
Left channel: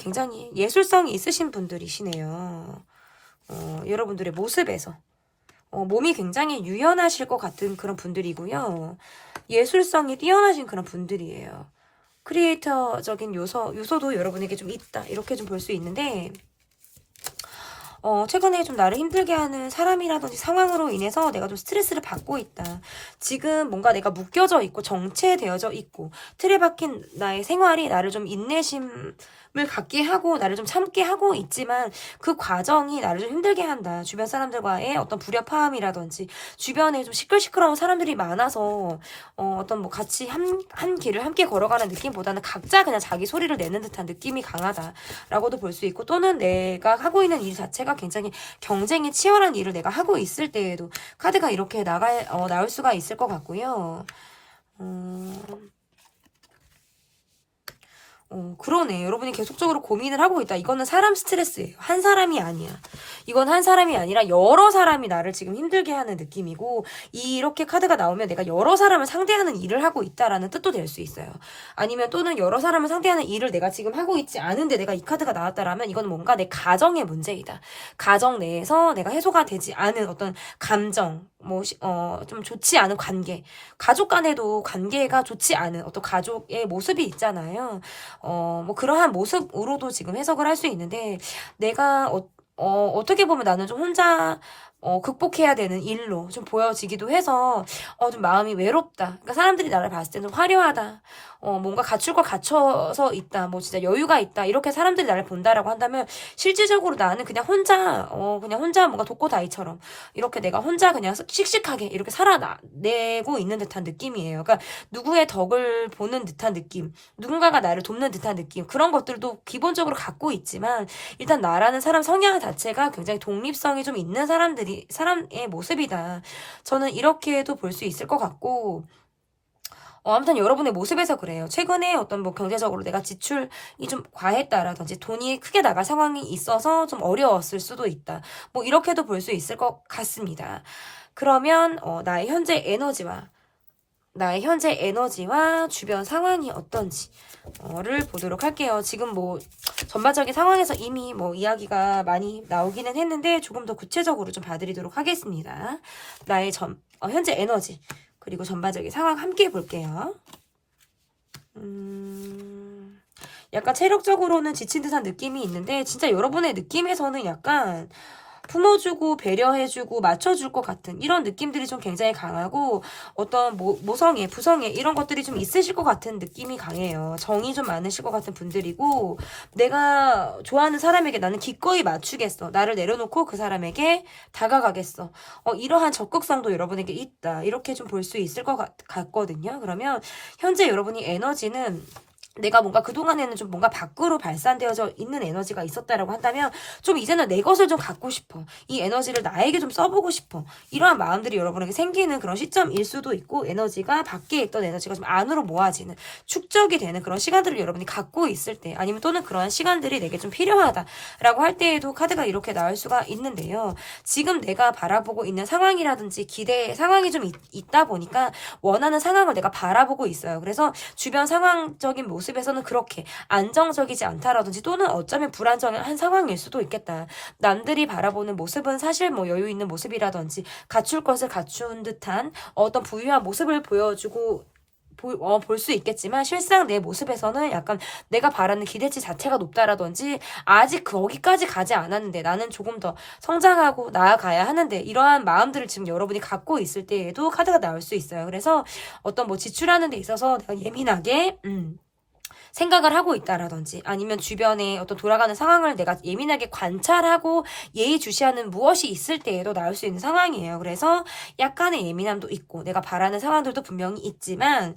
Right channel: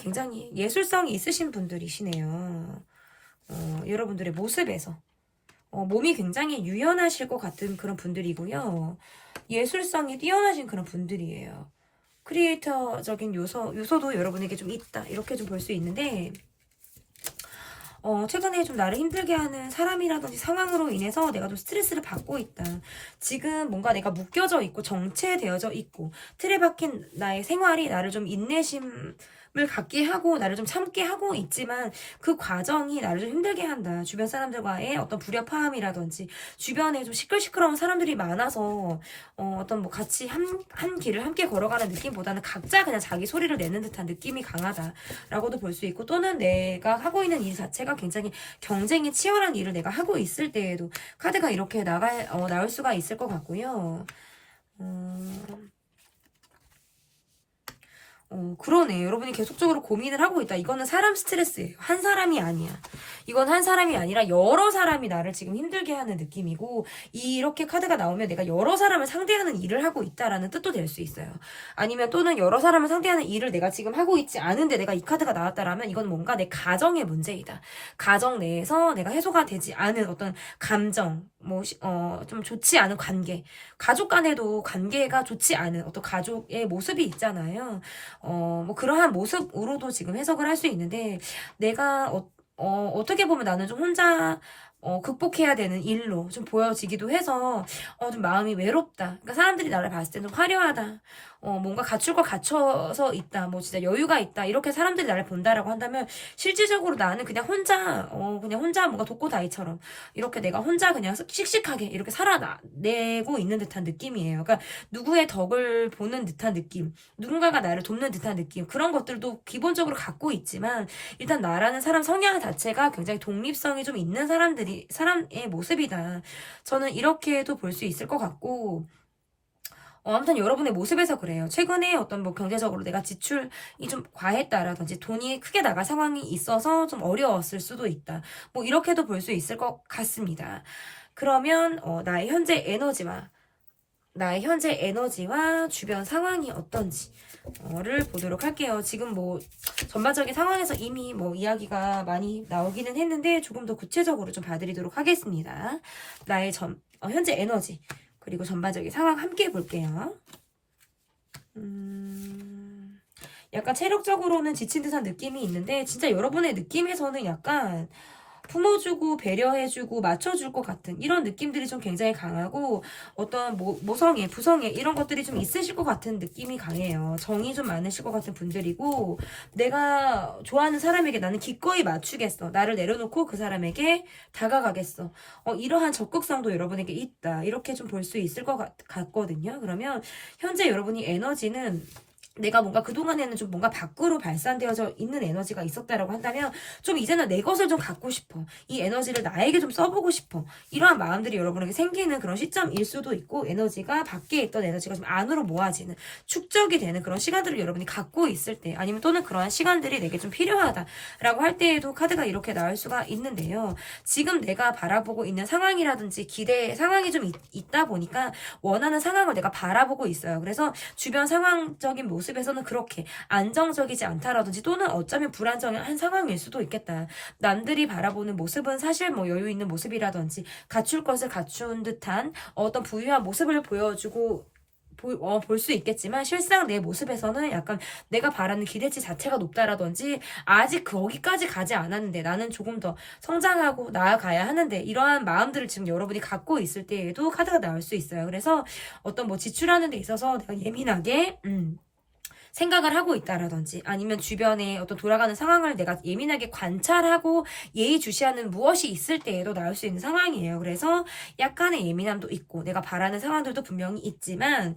굉장히 예술성이 있으신 분들이시네요. 여러분들의 모습에서 몸이 굉장히 유연하실 것 같은 그런 분들이고요. 예술성이 뛰어나신 그런 분들이에요. 크리에이터적인 요소도 여러분에게 좀 있다. 이렇게 좀 볼 수 있는데 최근에 좀 나를 힘들게 하는 사람이라든지 상황으로 인해서 내가 좀 스트레스를 받고 있다. 지금 뭔가 내가 묶여져 있고 정체되어져 있고 틀에 박힌 나의 생활이 나를 좀 인내심을 갖게 하고 나를 좀 참게 하고 있지만 그 과정이 나를 좀 힘들게 한다. 주변 사람들과의 어떤 불협화음이라든지 주변에 좀 시끌시끌한 사람들이 많아서 어떤 뭐 같이 한 길을 함께 걸어가는 느낌보다는 각자 그냥 자기 소리를 내는 듯한 느낌이 강하다라고도 볼 수 있고 또는 내가 하고 있는 일 자체가 굉장히 경쟁이 치열한 일을 내가 하고 있을 때에도 카드가 이렇게 나올 수가 있을 것 같고요. 그러네. 여러분이 계속적으로 고민을 하고 있다. 이거는 사람 스트레스예요. 한 사람이 아니야. 이건 한 사람이 아니라 여러 사람이 나를 지금 힘들게 하는 느낌이고 이렇게 카드가 나오면 내가 여러 사람을 상대하는 일을 하고 있다라는 뜻도 될 수 있어요. 아니면 또는 여러 사람을 상대하는 일을 내가 지금 하고 있지 않은데 내가 이 카드가 나왔다라면 이건 뭔가 내 가정의 문제이다. 가정 내에서 내가 해소가 되지 않은 어떤 감정, 좀 좋지 않은 관계, 가족 간에도 관계가 좋지 않은 어떤 가족의 모습이 있잖아요. 그러한 모습으로도 지금 해석을 할 수 있는데, 내가, 어떻게 보면 나는 좀 혼자, 극복해야 되는 일로 좀 보여지기도 해서, 좀 마음이 외롭다. 그러니까 사람들이 나를 봤을 때는 화려하다. 뭔가 갖출 걸 갖춰서 있다. 뭐 진짜 여유가 있다. 이렇게 사람들이 나를 본다라고 한다면, 실질적으로 나는 그냥 혼자 뭔가 독고다이처럼, 이렇게 내가 혼자 그냥 씩씩하게 이렇게 살아내고 있는 듯한 느낌이에요. 그러니까 누구의 덕을 보는 듯한 느낌, 누군가가 나를 돕는 듯한 느낌, 그런 것들도 기본적으로 갖고 있지만, 일단 나라는 사람 성향 자체가 굉장히 독립성이 좀 있는 사람의 모습이다. 저는 이렇게도 볼 수 있을 것 같고, 아무튼 여러분의 모습에서 그래요. 최근에 어떤 뭐 경제적으로 내가 지출이 좀 과했다라든지 돈이 크게 나갈 상황이 있어서 좀 어려웠을 수도 있다. 뭐 이렇게도 볼 수 있을 것 같습니다. 그러면 나의 현재 에너지와 주변 상황이 어떤지를 보도록 할게요. 지금 뭐 전반적인 상황에서 이미 뭐 이야기가 많이 나오기는 했는데 조금 더 구체적으로 좀 봐드리도록 하겠습니다. 나의 현재 에너지 그리고 전반적인 상황 함께 볼게요. 약간 체력적으로는 지친 듯한 느낌이 있는데 진짜 여러분의 느낌에서는 약간 품어주고 배려해주고 맞춰줄 것 같은 이런 느낌들이 좀 굉장히 강하고 어떤 모성애, 부성애 이런 것들이 좀 있으실 것 같은 느낌이 강해요. 정이 좀 많으실 것 같은 분들이고 내가 좋아하는 사람에게 나는 기꺼이 맞추겠어. 나를 내려놓고 그 사람에게 다가가겠어. 이러한 적극성도 여러분에게 있다. 이렇게 좀 볼 수 있을 것 같거든요. 그러면 현재 여러분이 에너지는 내가 뭔가 그동안에는 좀 뭔가 밖으로 발산되어져 있는 에너지가 있었다라고 한다면 좀 이제는 내 것을 좀 갖고 싶어. 이 에너지를 나에게 좀 써보고 싶어. 이러한 마음들이 여러분에게 생기는 그런 시점일 수도 있고 에너지가 밖에 있던 에너지가 좀 안으로 모아지는 축적이 되는 그런 시간들을 여러분이 갖고 있을 때 아니면 또는 그러한 시간들이 내게 좀 필요하다라고 할 때에도 카드가 이렇게 나올 수가 있는데요. 지금 내가 바라보고 있는 상황이라든지 기대 상황이 좀 있다 보니까 원하는 상황을 내가 바라보고 있어요. 그래서 주변 상황적인 모습에서는 그렇게 안정적이지 않다라든지 또는 어쩌면 불안정한 상황일 수도 있겠다. 남들이 바라보는 모습은 사실 뭐 여유 있는 모습이라든지 갖출 것을 갖춘 듯한 어떤 부유한 모습을 보여주고 볼 수 있겠지만 실상 내 모습에서는 약간 내가 바라는 기대치 자체가 높다라든지 아직 거기까지 가지 않았는데 나는 조금 더 성장하고 나아가야 하는데 이러한 마음들을 지금 여러분이 갖고 있을 때에도 카드가 나올 수 있어요. 그래서 어떤 뭐 지출하는 데 있어서 내가 예민하게 생각을 하고 있다라든지 아니면 주변에 어떤 돌아가는 상황을 내가 예민하게 관찰하고 예의주시하는 무엇이 있을 때에도 나올 수 있는 상황이에요. 그래서 약간의 예민함도 있고 내가 바라는 상황들도 분명히 있지만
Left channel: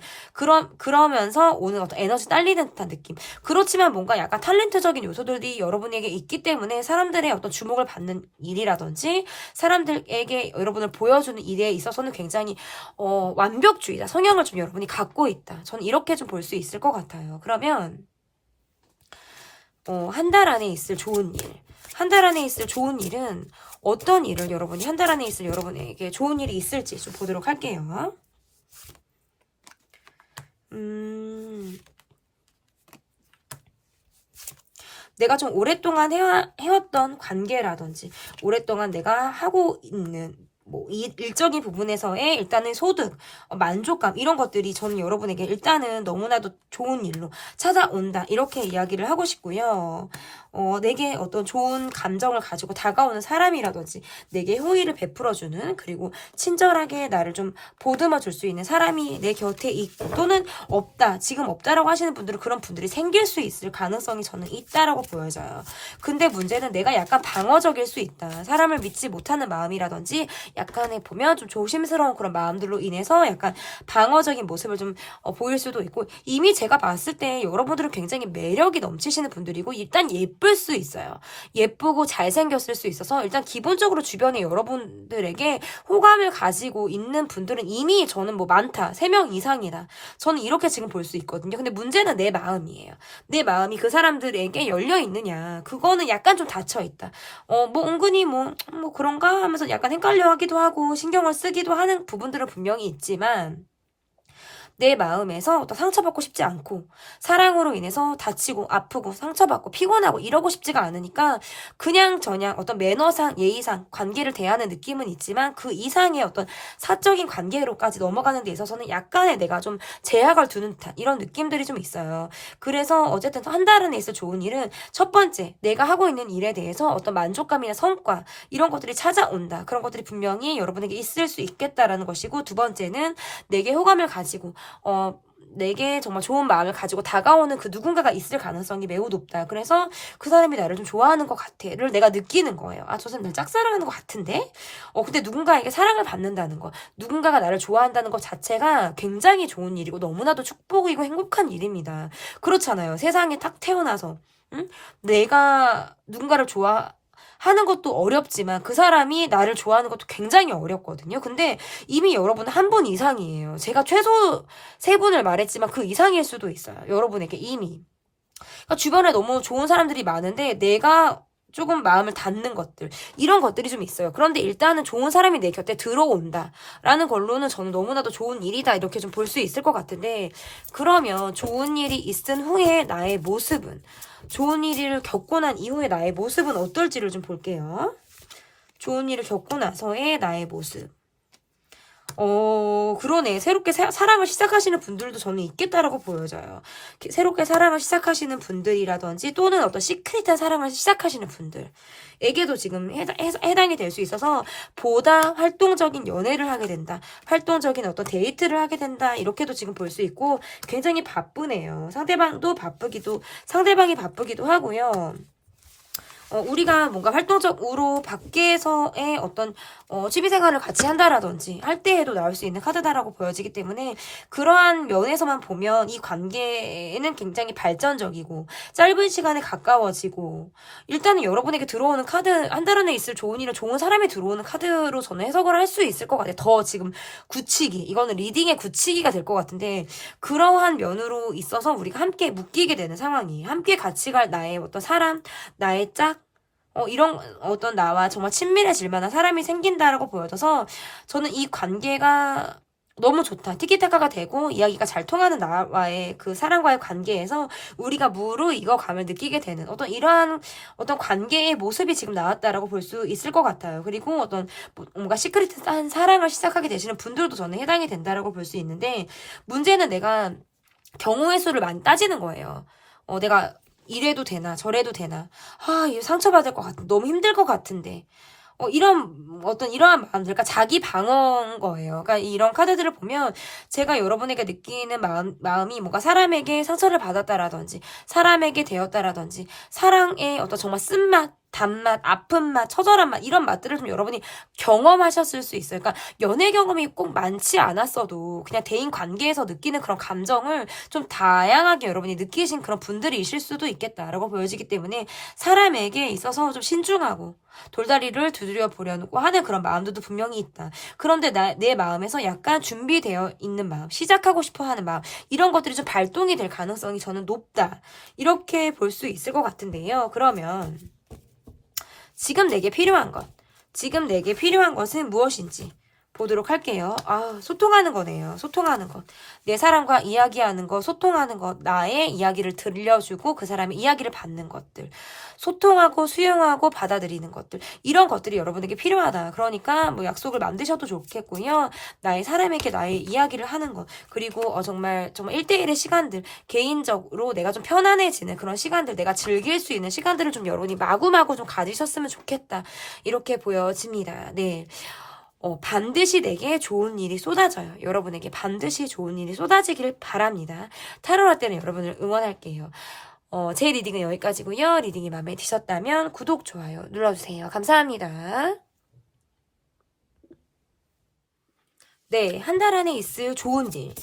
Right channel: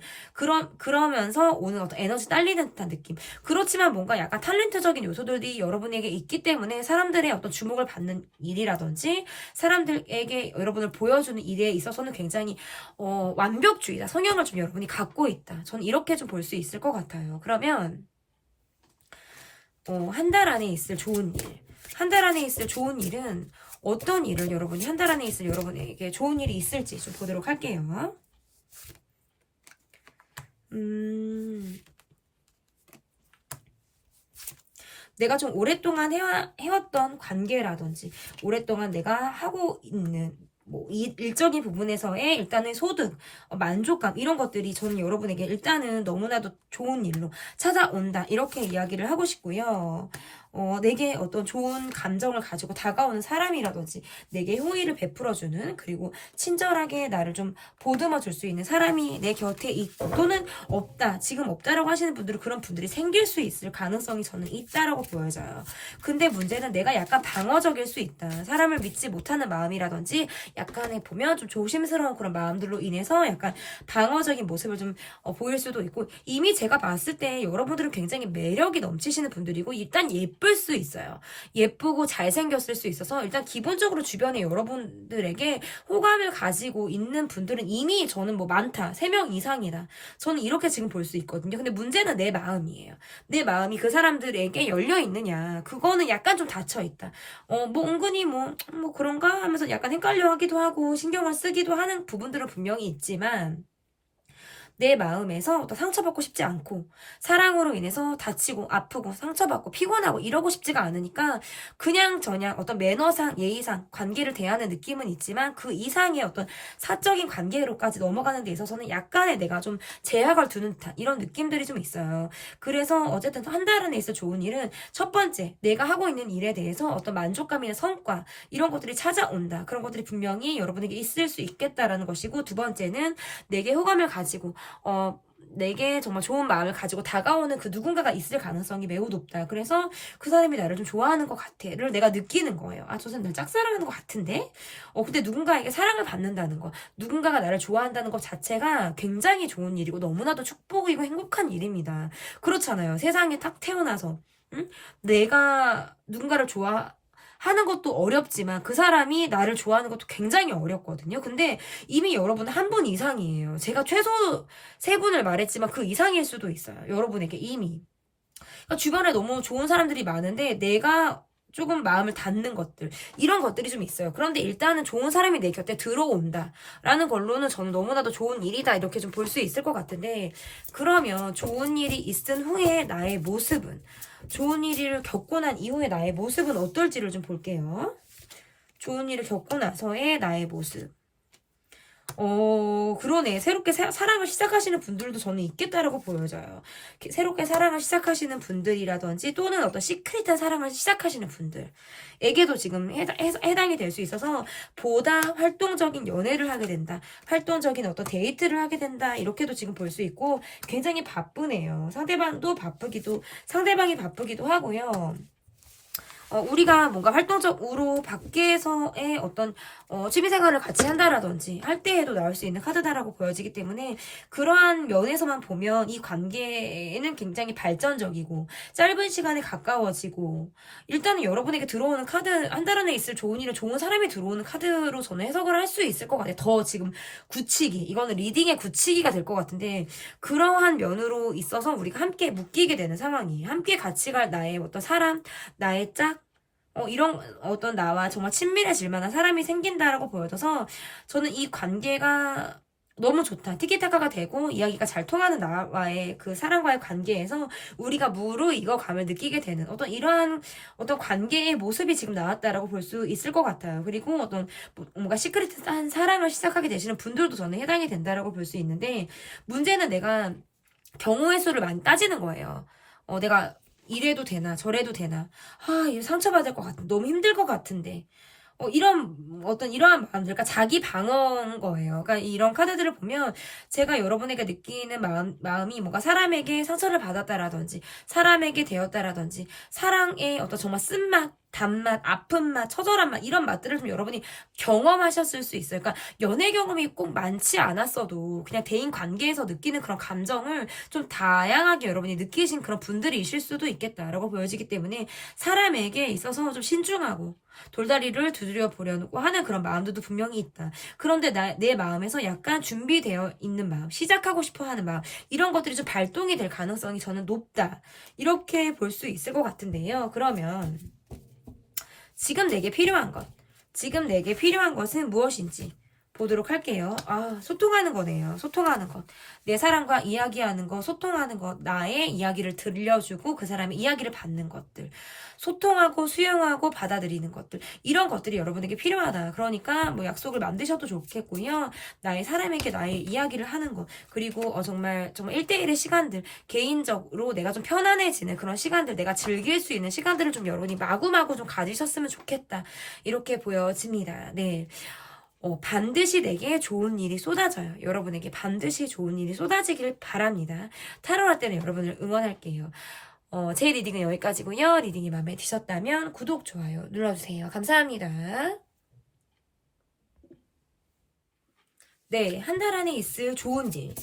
그러면서 오는 어떤 에너지 딸리는 듯한 느낌. 그렇지만 뭔가 약간 탤런트적인 요소들이 여러분에게 있기 때문에 사람들의 어떤 주목을 받는 일이라든지 사람들에게 여러분을 보여주는 일에 있어서는 굉장히 완벽주의다. 성향을 좀 여러분이 갖고 있다. 저는 이렇게 좀 볼 수 있을 것 같아요. 그러면 한 달 안에 있을 좋은 일. 한 달 안에 있을 좋은 일은 어떤 일을 여러분이 한 달 안에 있을 여러분에게 좋은 일이 있을지 좀 보도록 할게요. 내가 좀 오랫동안 해왔던 관계라든지 오랫동안 내가 하고 있는 뭐 일적인 부분에서의 일단은 소득, 만족감 이런 것들이 저는 여러분에게 일단은 너무나도 좋은 일로 찾아온다 이렇게 이야기를 하고 싶고요. 내게 어떤 좋은 감정을 가지고 다가오는 사람이라든지 내게 호의를 베풀어주는 그리고 친절하게 나를 좀 보듬어 줄 수 있는 사람이 내 곁에 있고 또는 없다 지금 없다라고 하시는 분들은 그런 분들이 생길 수 있을 가능성이 저는 있다라고 보여져요. 근데 문제는 내가 약간 방어적일 수 있다. 사람을 믿지 못하는 마음이라든지 약간의 보면 좀 조심스러운 그런 마음들로 인해서 약간 방어적인 모습을 좀 보일 수도 있고 이미 제가 봤을 때 여러분들은 굉장히 매력이 넘치시는 분들이고 일단 예쁠 수 있어요. 예쁘고 잘생겼을 수 있어서 일단 기본적으로 주변에 여러분들에게 호감을 가지고 있는 분들은 이미 저는 뭐 많다. 3명 이상이다. 저는 이렇게 지금 볼 수 있거든요. 근데 문제는 내 마음이에요. 내 마음이 그 사람들에게 열려 있느냐. 그거는 약간 좀 닫혀 있다. 뭐 은근히 뭐 그런가 하면서 약간 헷갈려 하기도 하고 신경을 쓰기도 하는 부분들은 분명히 있지만 내 마음에서 또 상처받고 싶지 않고 사랑으로 인해서 다치고 아프고 상처받고 피곤하고 이러고 싶지가 않으니까 그냥 저냥 어떤 매너상 예의상 관계를 대하는 느낌은 있지만 그 이상의 어떤 사적인 관계로까지 넘어가는 데 있어서는 약간의 내가 좀 제약을 두는 듯한 이런 느낌들이 좀 있어요. 그래서 어쨌든 한 달 안에 있을 좋은 일은 첫 번째 내가 하고 있는 일에 대해서 어떤 만족감이나 성과 이런 것들이 찾아온다. 그런 것들이 분명히 여러분에게 있을 수 있겠다라는 것이고 두 번째는 내게 호감을 가지고 내게 정말 좋은 마음을 가지고 다가오는 그 누군가가 있을 가능성이 매우 높다. 그래서 그 사람이 나를 좀 좋아하는 것 같아를 내가 느끼는 거예요. 저 사람 날 짝사랑하는 것 같은데? 근데 누군가에게 사랑을 받는다는 거, 누군가가 나를 좋아한다는 것 자체가 굉장히 좋은 일이고 너무나도 축복이고 행복한 일입니다. 그렇잖아요. 세상에 딱 태어나서 내가 누군가를 하는 것도 어렵지만 그 사람이 나를 좋아하는 것도 굉장히 어렵거든요. 근데 이미 여러분은 한 분 이상이에요. 제가 최소 3분을 말했지만 그 이상일 수도 있어요. 여러분에게 이미. 그러니까 주변에 너무 좋은 사람들이 많은데 내가 조금 마음을 닫는 것들 이런 것들이 좀 있어요. 그런데 일단은 좋은 사람이 내 곁에 들어온다라는 걸로는 저는 너무나도 좋은 일이다 이렇게 좀 볼 수 있을 것 같은데 그러면 좋은 일이 있은 후에 나의 모습은 좋은 일을 겪고 난 이후에 나의 모습은 어떨지를 좀 볼게요. 좋은 일을 겪고 나서의 나의 모습. 그러네. 새롭게 사랑을 시작하시는 분들도 저는 있겠다라고 보여져요. 새롭게 사랑을 시작하시는 분들이라든지 또는 어떤 시크릿한 사랑을 시작하시는 분들에게도 지금 해당이 될 수 있어서 보다 활동적인 연애를 하게 된다. 활동적인 어떤 데이트를 하게 된다. 이렇게도 지금 볼 수 있고 굉장히 바쁘네요. 상대방이 바쁘기도 하고요. 우리가 뭔가 활동적으로 밖에서의 어떤 취미생활을 같이 한다라든지 할 때에도 나올 수 있는 카드다라고 보여지기 때문에 그러한 면에서만 보면 이 관계는 굉장히 발전적이고 짧은 시간에 가까워지고 일단은 여러분에게 들어오는 카드 한 달 안에 있을 좋은 일은 좋은 사람이 들어오는 카드로 저는 해석을 할 수 있을 것 같아요. 더 지금 굳히기 이거는 리딩의 굳히기가 될 것 같은데 그러한 면으로 있어서 우리가 함께 묶이게 되는 상황이에요. 함께 같이 갈 나의 어떤 사람 나의 짝 이런 어떤 나와 정말 친밀해질 만한 사람이 생긴다라고 보여져서 저는 이 관계가 너무 좋다. 티키타카가 되고 이야기가 잘 통하는 나와의 그 사람과의 관계에서 우리가 무르익어감을 느끼게 되는 어떤 이러한 어떤 관계의 모습이 지금 나왔다라고 볼 수 있을 것 같아요. 그리고 어떤 뭔가 시크릿한 사랑을 시작하게 되시는 분들도 저는 해당이 된다라고 볼 수 있는데 문제는 내가 경우의 수를 많이 따지는 거예요. 내가 이래도 되나 저래도 되나 이거 상처받을 것 같은데 너무 힘들 것 같은데 이러한 마음들, 그러니까 자기 방어인 거예요. 그러니까 이런 카드들을 보면 제가 여러분에게 느끼는 마음이 뭔가 사람에게 상처를 받았다라든지 사람에게 되었다라든지 사랑의 어떤 정말 쓴맛, 단맛, 아픈 맛, 처절한 맛 이런 맛들을 좀 여러분이 경험하셨을 수 있어요. 그러니까 연애 경험이 꼭 많지 않았어도 그냥 대인 관계에서 느끼는 그런 감정을 좀 다양하게 여러분이 느끼신 그런 분들이실 수도 있겠다라고 보여지기 때문에 사람에게 있어서 좀 신중하고 돌다리를 두드려 보려고 하는 그런 마음들도 분명히 있다. 그런데 내 마음에서 약간 준비되어 있는 마음, 시작하고 싶어 하는 마음, 이런 것들이 좀 발동이 될 가능성이 저는 높다. 이렇게 볼 수 있을 것 같은데요. 그러면 지금 내게 필요한 것은 무엇인지 보도록 할게요. 소통하는 거네요. 소통하는 것. 내 사람과 이야기하는 것, 소통하는 것, 나의 이야기를 들려주고 그 사람의 이야기를 받는 것들. 소통하고 수용하고 받아들이는 것들. 이런 것들이 여러분에게 필요하다. 그러니까 뭐 약속을 만드셔도 좋겠고요. 나의 사람에게 나의 이야기를 하는 것. 그리고 정말 1대1의 시간들, 개인적으로 내가 좀 편안해지는 그런 시간들, 내가 즐길 수 있는 시간들을 좀 여러분이 마구마구 좀 가지셨으면 좋겠다. 이렇게 보여집니다. 네. 반드시 내게 좋은 일이 쏟아져요. 여러분에게 반드시 좋은 일이 쏟아지길 바랍니다. 타로할 때는 여러분을 응원할게요. 제 리딩은 여기까지고요. 리딩이 마음에 드셨다면 구독, 좋아요 눌러주세요. 감사합니다. 네, 한 달 안에 있을 좋은 일.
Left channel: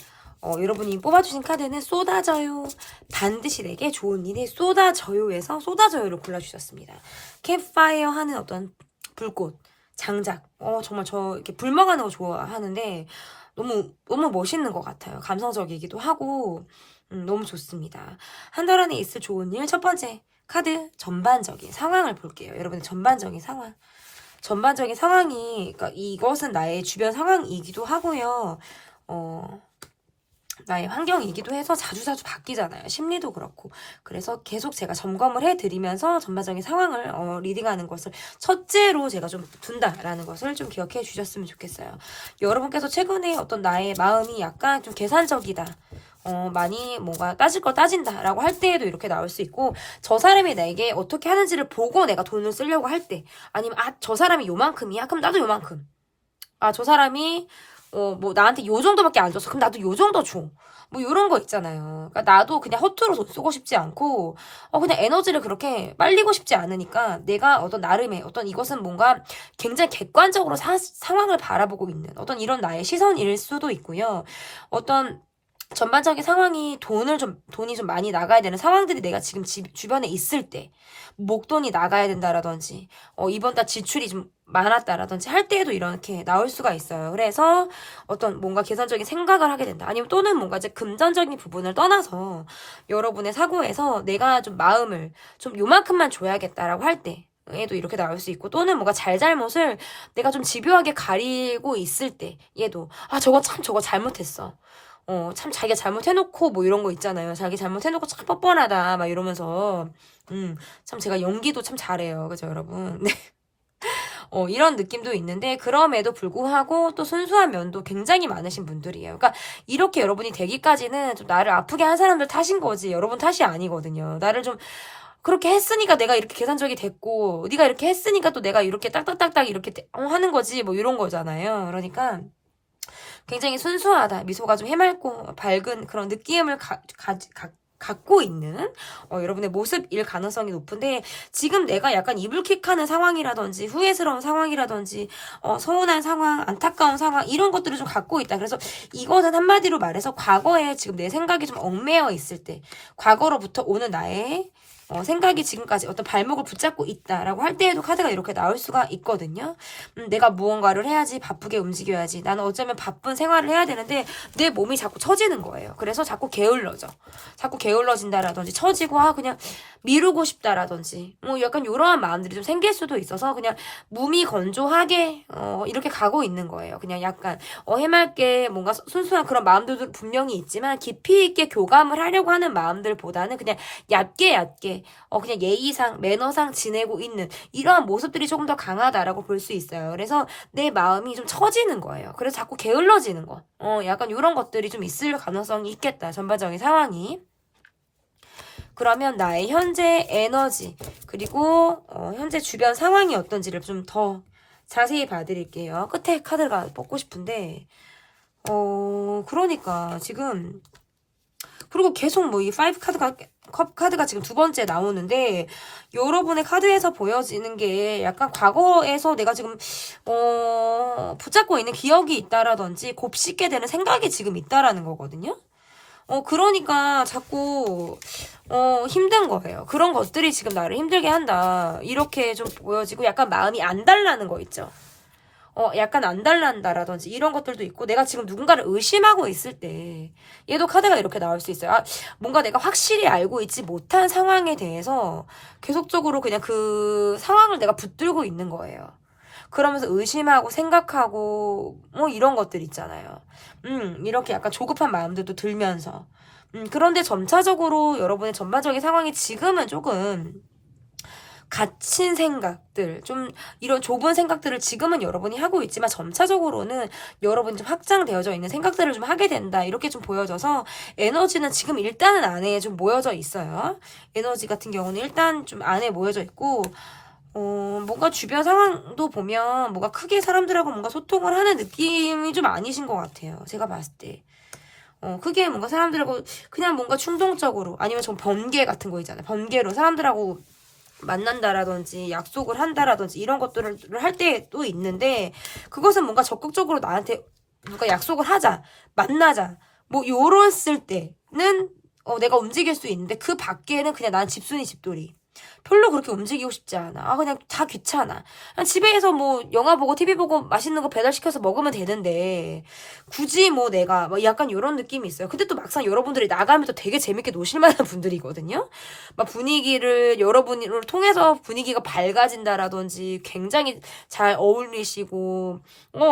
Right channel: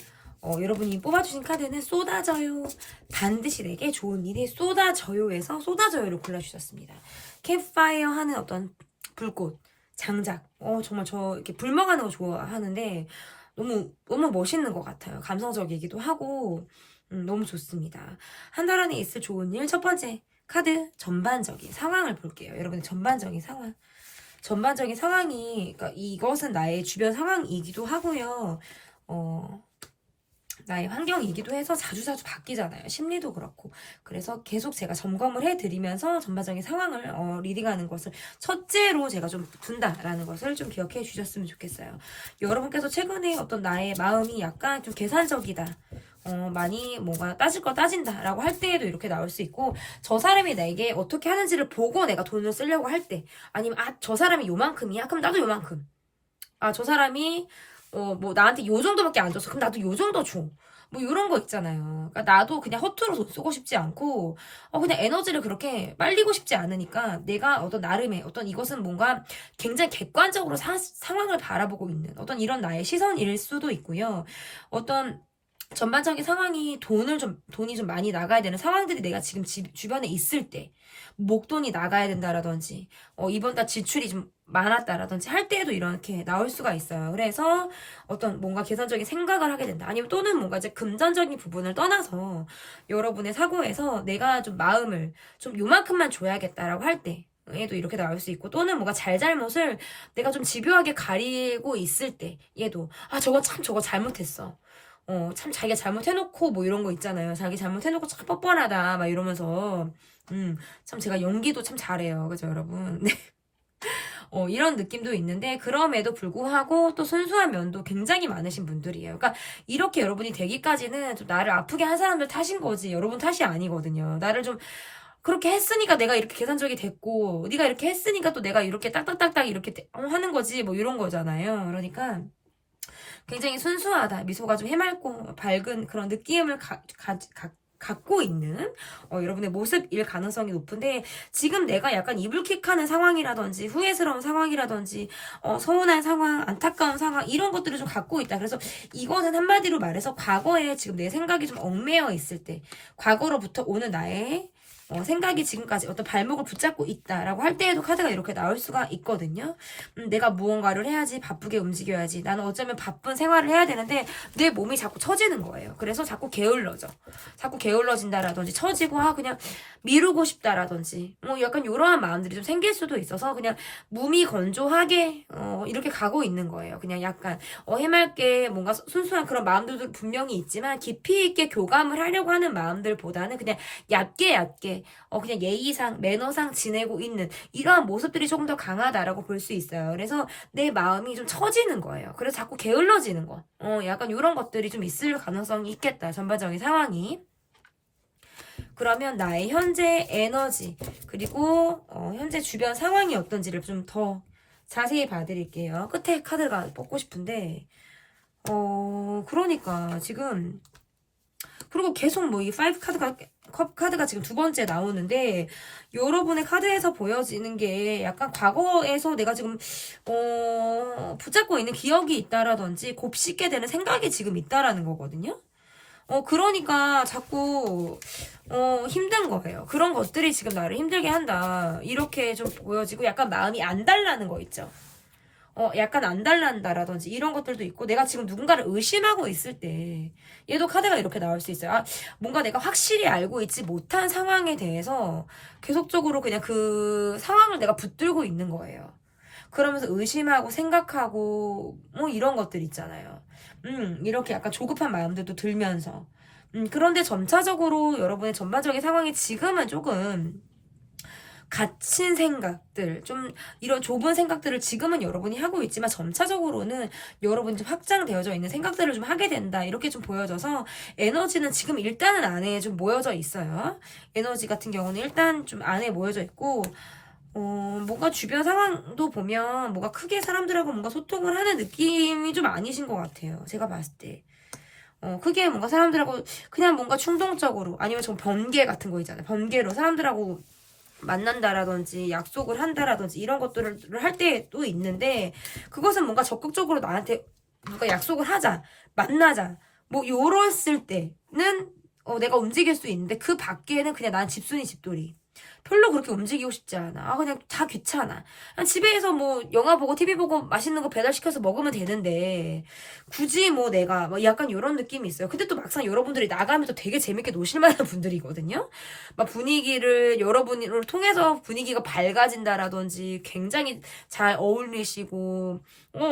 여러분이 뽑아주신 카드는 쏟아져요. 반드시 내게 좋은 일이 쏟아져요에서 쏟아져요를 골라주셨습니다. 캠파이어 하는 어떤 불꽃. 장작. 정말 저 이렇게 불멍하는 거 좋아하는데 너무 멋있는 것 같아요. 감성적이기도 하고 너무 좋습니다. 한 달 안에 있을 좋은 일 첫 번째 카드 전반적인 상황을 볼게요. 여러분 전반적인 상황. 전반적인 상황이 그러니까 이것은 나의 주변 상황이기도 하고요. 나의 환경이기도 해서 자주자주 바뀌잖아요. 심리도 그렇고. 그래서 계속 제가 점검을 해드리면서 전반적인 상황을 리딩하는 것을 첫째로 제가 좀 둔다라는 것을 좀 기억해 주셨으면 좋겠어요. 여러분께서 최근에 어떤 나의 마음이 약간 좀 계산적이다. 많이 뭔가 따질 거 따진다라고 할 때에도 이렇게 나올 수 있고 저 사람이 나에게 어떻게 하는지를 보고 내가 돈을 쓰려고 할 때 아니면 저 사람이 요만큼이야? 그럼 나도 요만큼. 저 사람이 뭐 나한테 요 정도밖에 안 줬어. 그럼 나도 요 정도 줘. 뭐 이런 거 있잖아요. 그러니까 나도 그냥 허투루 돈 쓰고 싶지 않고 그냥 에너지를 그렇게 빨리고 싶지 않으니까 내가 어떤 나름의 어떤 이것은 뭔가 굉장히 객관적으로 상황을 바라보고 있는 어떤 이런 나의 시선일 수도 있고요. 어떤 전반적인 상황이 돈이 좀 많이 나가야 되는 상황들이 내가 지금 주변에 있을 때 목돈이 나가야 된다라든지 이번 달 지출이 좀 많았다라든지 할 때에도 이렇게 나올 수가 있어요. 그래서 어떤 뭔가 계산적인 생각을 하게 된다. 아니면 또는 뭔가 이제 금전적인 부분을 떠나서 여러분의 사고에서 내가 좀 마음을 좀 요만큼만 줘야겠다라고 할 때 얘도 이렇게 나올 수 있고 또는 뭔가 잘잘못을 내가 좀 집요하게 가리고 있을 때 얘도 저거 잘못했어. 참 자기가 잘못해놓고 뭐 이런 거 있잖아요. 자기 잘못해놓고 참 뻔뻔하다 막 이러면서 참 제가 연기도 참 잘해요. 그죠 여러분? 네. 이런 느낌도 있는데 그럼에도 불구하고 또 순수한 면도 굉장히 많으신 분들이에요. 그러니까 이렇게 여러분이 되기까지는 좀 나를 아프게 한 사람들 탓인 거지 여러분 탓이 아니거든요. 나를 좀 그렇게 했으니까 내가 이렇게 계산적이 됐고 네가 이렇게 했으니까 또 내가 이렇게 딱딱딱딱 이렇게 하는 거지 뭐 이런 거잖아요. 그러니까 굉장히 순수하다. 미소가 좀 해맑고 밝은 그런 느낌을 갖고 있는 여러분의 모습일 가능성이 높은데 지금 내가 약간 이불킥하는 상황이라든지 후회스러운 상황이라든지 서운한 상황, 안타까운 상황 이런 것들을 좀 갖고 있다. 그래서 이거는 한마디로 말해서 과거에 지금 내 생각이 좀 얽매여 있을 때 과거로부터 오는 나의 생각이 지금까지 어떤 발목을 붙잡고 있다라고 할 때에도 카드가 이렇게 나올 수가 있거든요. 내가 무언가를 해야지, 바쁘게 움직여야지. 나는 어쩌면 바쁜 생활을 해야 되는데 내 몸이 자꾸 처지는 거예요. 그래서 자꾸 게을러져. 자꾸 게을러진다라든지 처지고 그냥 미루고 싶다라든지 약간 이러한 마음들이 좀 생길 수도 있어서 그냥 무미건조하게 이렇게 가고 있는 거예요. 그냥 약간 해맑게 뭔가 순수한 그런 마음들도 분명히 있지만 깊이 있게 교감을 하려고 하는 마음들보다는 그냥 얕게 그냥 예의상 매너상 지내고 있는 이러한 모습들이 조금 더 강하다라고 볼 수 있어요. 그래서 내 마음이 좀 처지는 거예요. 그래서 자꾸 게을러지는 거. 약간 이런 것들이 좀 있을 가능성이 있겠다. 전반적인 상황이. 그러면 나의 현재 에너지 그리고 현재 주변 상황이 어떤지를 좀 더 자세히 봐드릴게요. 끝에 카드가 뽑고 싶은데 그러니까 지금 그리고 계속 뭐 이 5 컵 카드가 지금 두 번째 나오는데 여러분의 카드에서 보여지는 게 약간 과거에서 내가 지금 붙잡고 있는 기억이 있다라든지 곱씹게 되는 생각이 지금 있다라는 거거든요. 그러니까 자꾸 힘든 거예요. 그런 것들이 지금 나를 힘들게 한다. 이렇게 좀 보여지고 약간 마음이 안 달라는 거 있죠. 약간 안 달란다라든지 이런 것들도 있고 내가 지금 누군가를 의심하고 있을 때 얘도 카드가 이렇게 나올 수 있어요. 뭔가 내가 확실히 알고 있지 못한 상황에 대해서 계속적으로 그냥 그 상황을 내가 붙들고 있는 거예요. 그러면서 의심하고 생각하고 이런 것들 있잖아요. 이렇게 약간 조급한 마음들도 들면서 그런데 점차적으로 여러분의 전반적인 상황이 지금은 조금 갇힌 생각들, 좀 이런 좁은 생각들을 지금은 여러분이 하고 있지만 점차적으로는 여러분이 좀 확장되어져 있는 생각들을 좀 하게 된다. 이렇게 좀 보여져서 에너지는 지금 일단은 안에 좀 모여져 있어요. 에너지 같은 경우는 일단 좀 안에 모여져 있고 뭔가 주변 상황도 보면 뭔가 크게 사람들하고 뭔가 소통을 하는 느낌이 좀 아니신 것 같아요. 제가 봤을 때. 크게 뭔가 사람들하고 그냥 뭔가 충동적으로 아니면 좀 번개 같은 거 있잖아요. 번개로 사람들하고 만난다라든지 약속을 한다라든지 이런 것들을 할 때도 있는데 그것은 뭔가 적극적으로 나한테 누가 약속을 하자, 만나자 뭐 요랬을 때는 내가 움직일 수 있는데 그 밖에는 그냥 난 집순이 집돌이. 별로 그렇게 움직이고 싶지 않아. 그냥 다 귀찮아. 그냥 집에서 뭐 영화 보고 TV 보고 맛있는 거 배달시켜서 먹으면 되는데 굳이 뭐 내가 뭐 약간 이런 느낌이 있어요. 근데 또 막상 여러분들이 나가면 또 되게 재밌게 노실 만한 분들이거든요. 막 분위기를 여러분을 통해서 분위기가 밝아진다라든지 굉장히 잘 어울리시고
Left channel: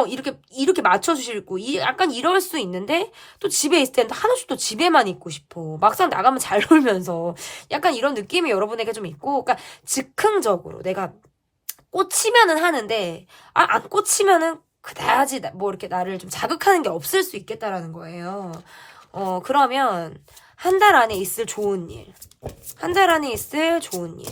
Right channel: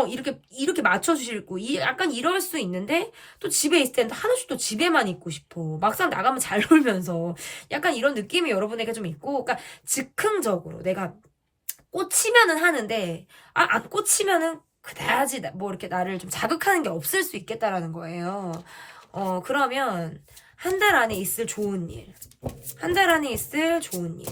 이렇게 맞춰주시고 약간 이럴 수 있는데 또 집에 있을 때는 하나씩 또 집에만 있고 싶어. 막상 나가면 잘 놀면서 약간 이런 느낌이 여러분에게 좀 있고 그러니까 즉흥적으로 내가 꽂히면은 하는데 안 꽂히면은 그다지 뭐 이렇게 나를 좀 자극하는 게 없을 수 있겠다라는 거예요. 그러면 한 달 안에 있을 좋은 일. 한 달 안에 있을 좋은 일.